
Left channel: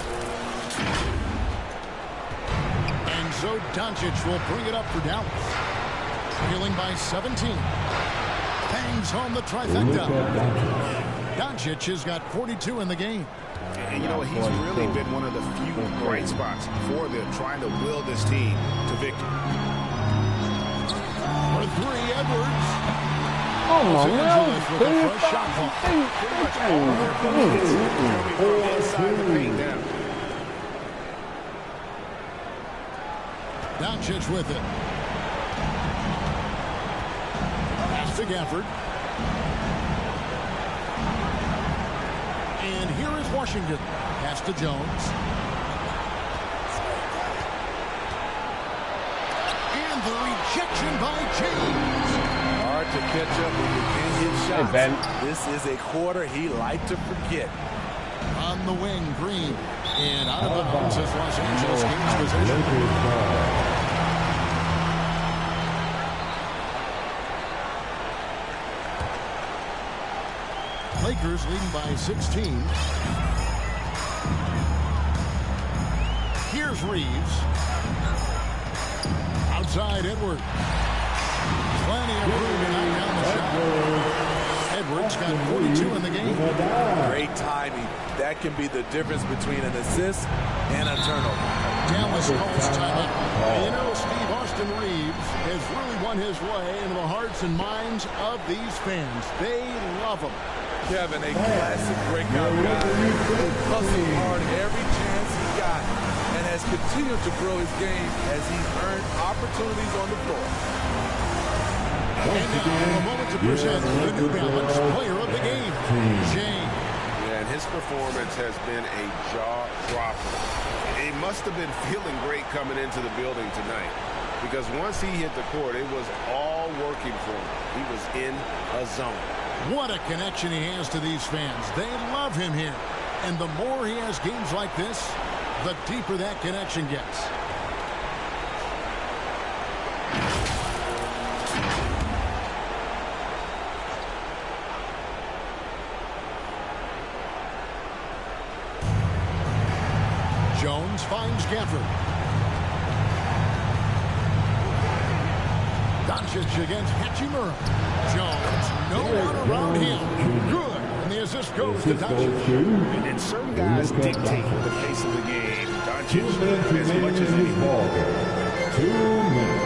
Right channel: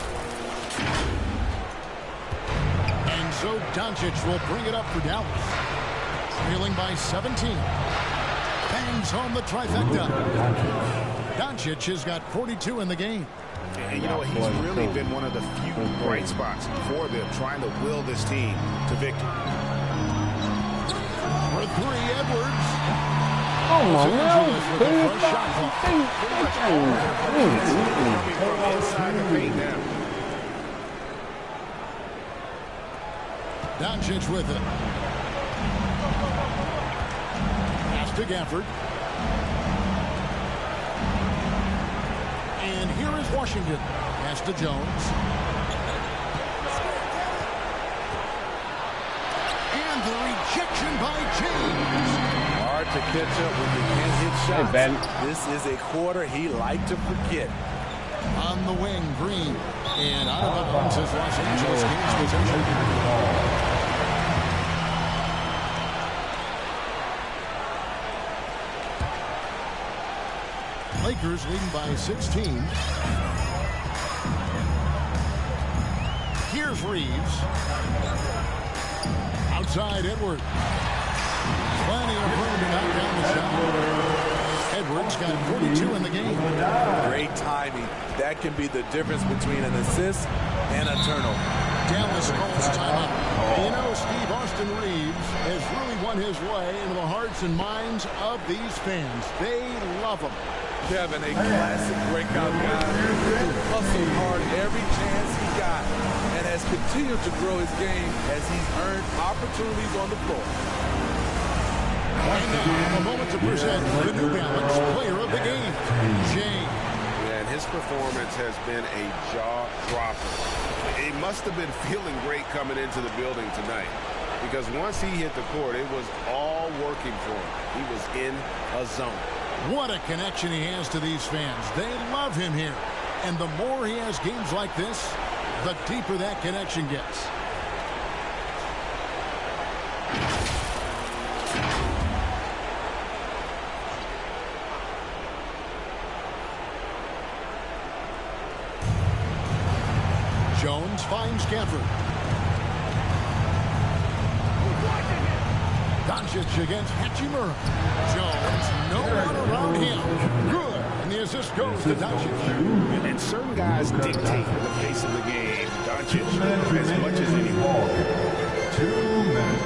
And so Doncic will bring it up for Dallas. Trailing by 17. Bangs home the trifecta. Doncic has got 42 in the game. And you know, he's really been one of the few bright spots for them, trying to will this team to victory. For three, Edwards. Oh, Angeles with a fresh shot clock. Pretty much all of their buckets coming from inside the paint now. Doncic with it. Pass to Gafford. And here is Washington. Pass to Jones. And the rejection by James. Hard to catch up when you can't hit shots. Hey, Ben. This is a quarter he liked to forget. On the wing, Green. And out of bounds as Los Angeles gains possession. Lakers leading by 16. Here's Reeves. Outside Edwards. Plenty of room to knock down the shot. Edwards got 42 in the game. Great timing. That can be the difference between an assist and a turnover. Dallas calls timeout. And you know, Steve, Austin Reeves has really won his way into the hearts and minds of these fans. They love him. Kevin, a classic breakout guy who hustled hard every chance he got and has continued to grow his game as he's earned opportunities on the floor. And now, a moment to present the New Balance Player of the Game, James. Yeah, and his performance has been a jaw-dropper. He must have been feeling great coming into the building tonight, because once he hit the court, it was all working for him. He was in a zone. What a connection he has to these fans. They love him here. And the more he has games like this, the deeper that connection gets. Jones finds Gafford. Doncic against Hachimura. Jones, no one around him. Good. And the assist goes to Doncic. And certain guys dictate the pace of the game. Doncic as much as anyone. 2 minutes.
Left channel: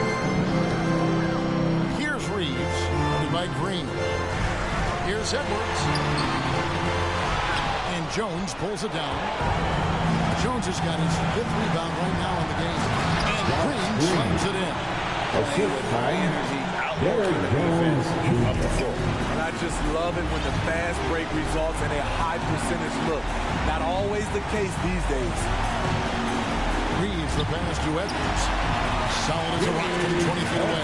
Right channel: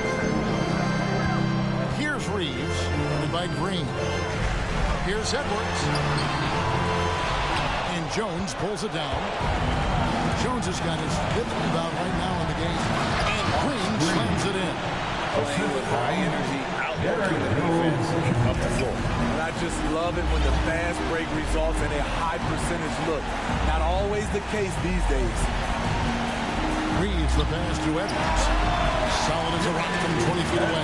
Here's Reeves, guarded by Green. Here's Edwards. And Jones pulls it down. Jones has got his 5th rebound right now in the game. And Green slams it in. Playing with high energy, outworking the defense up the floor. And I just love it when the fast break results in a high percentage look. Not always the case these days. Reeves the pass to Edwards. Solid as a rock from 20 feet away.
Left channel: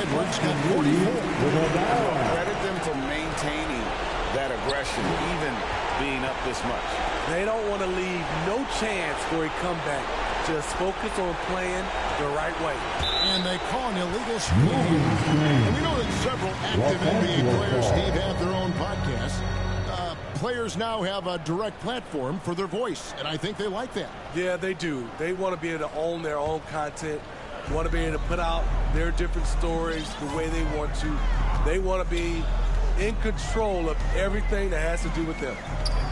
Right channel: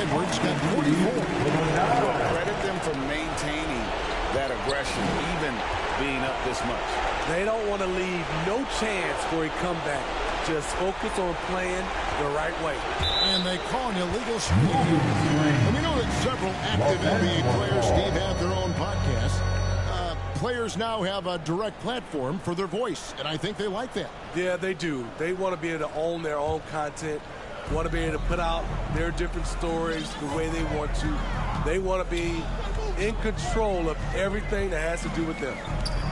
Edwards got 44. Well, credit them for maintaining that aggression, even being up this much. They don't want to leave no chance for a comeback. Just focus on playing the right way. And they call an illegal screen here. And we know that several active NBA players, Steve, have their own podcasts. Players now have a direct platform for their voice, and I think they like that. Yeah, they do. They want to be able to own their own content, want to be able to put out their different stories the way they want to. They want to be in control of everything that has to do with them.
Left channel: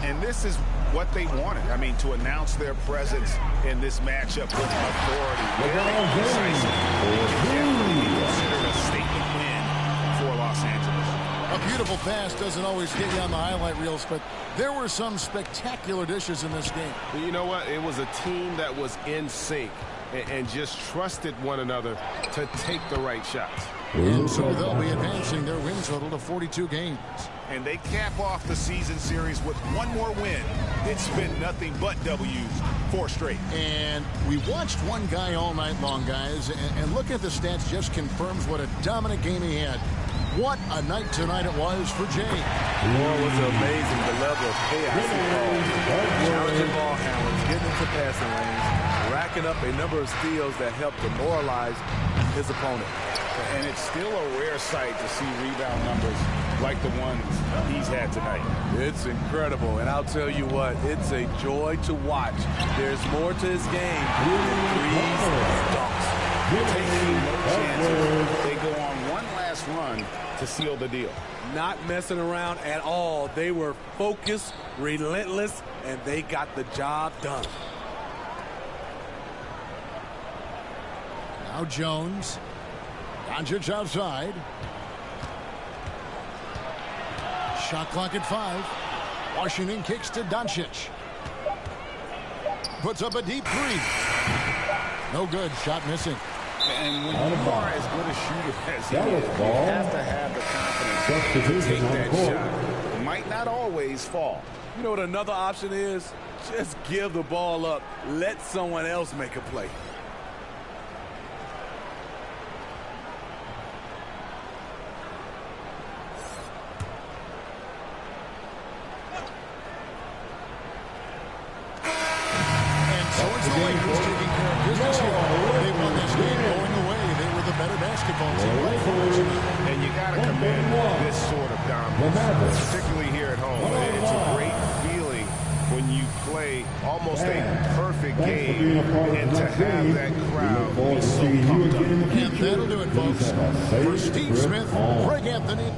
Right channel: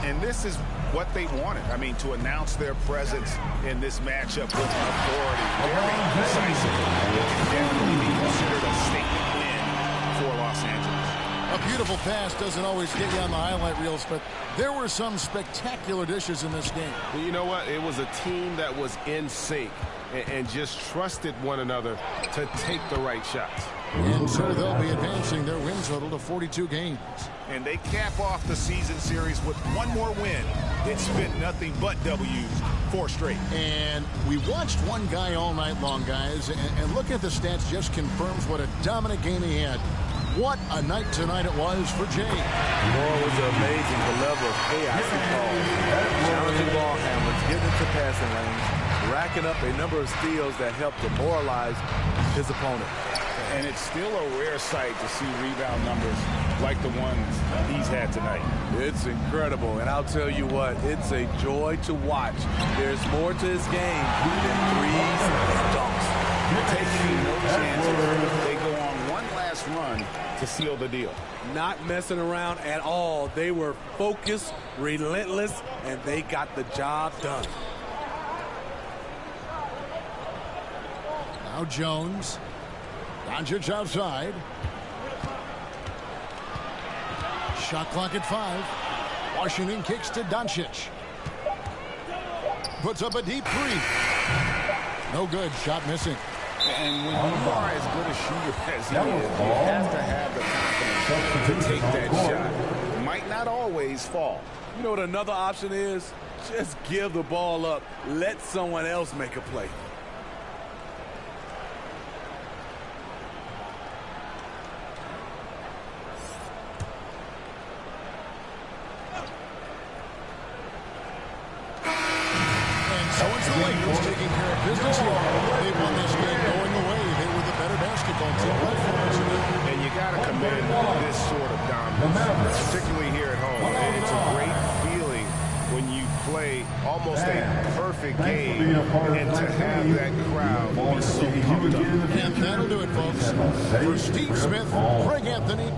And this is what they wanted. I mean, to announce their presence in this matchup with authority. Very decisive. It can definitely be considered a statement win for Los Angeles. A beautiful pass doesn't always get you on the highlight reels, but there were some spectacular dishes in this game. You know what? It was a team that was in sync and just trusted one another to take the right shots. And so they'll be advancing their win total to 42 games. And they cap off the season series with one more win. It's been nothing but W's, 4 straight. And we watched one guy all night long, guys, and look at the stats just confirms what a dominant game he had. What a night tonight it was for Jay. Boy, was it amazing the level of chaos he caused. Challenging ball handlers, getting into passing lanes, racking up a number of steals that helped demoralize his opponent. And it's still a rare sight to see rebound numbers like the ones he's had tonight. It's incredible, and I'll tell you what, it's a joy to watch. There's more to his game than threes and dunks. Taking no chances, they go on one last run to seal the deal. Not messing around at all. They were focused, relentless, and they got the job done. Now Jones. Doncic outside. Shot clock at 5. Washington kicks to Doncic. Puts up a deep 3. No good. Shot missing. And when you are as good a shooter as he is, you have to have the confidence to take that shot. It might not always fall. You know what another option is? Just give the ball up. Let someone else make a play. So it's the Lakers taking care of business here. They won this game going away. They were the better basketball team by far tonight. And you got to commend this sort of dominance, particularly here at home. It's a great feeling when you play almost a perfect game and to have that crowd be so pumped up. And that'll do it, folks. For Steve Smith, Greg Anthony,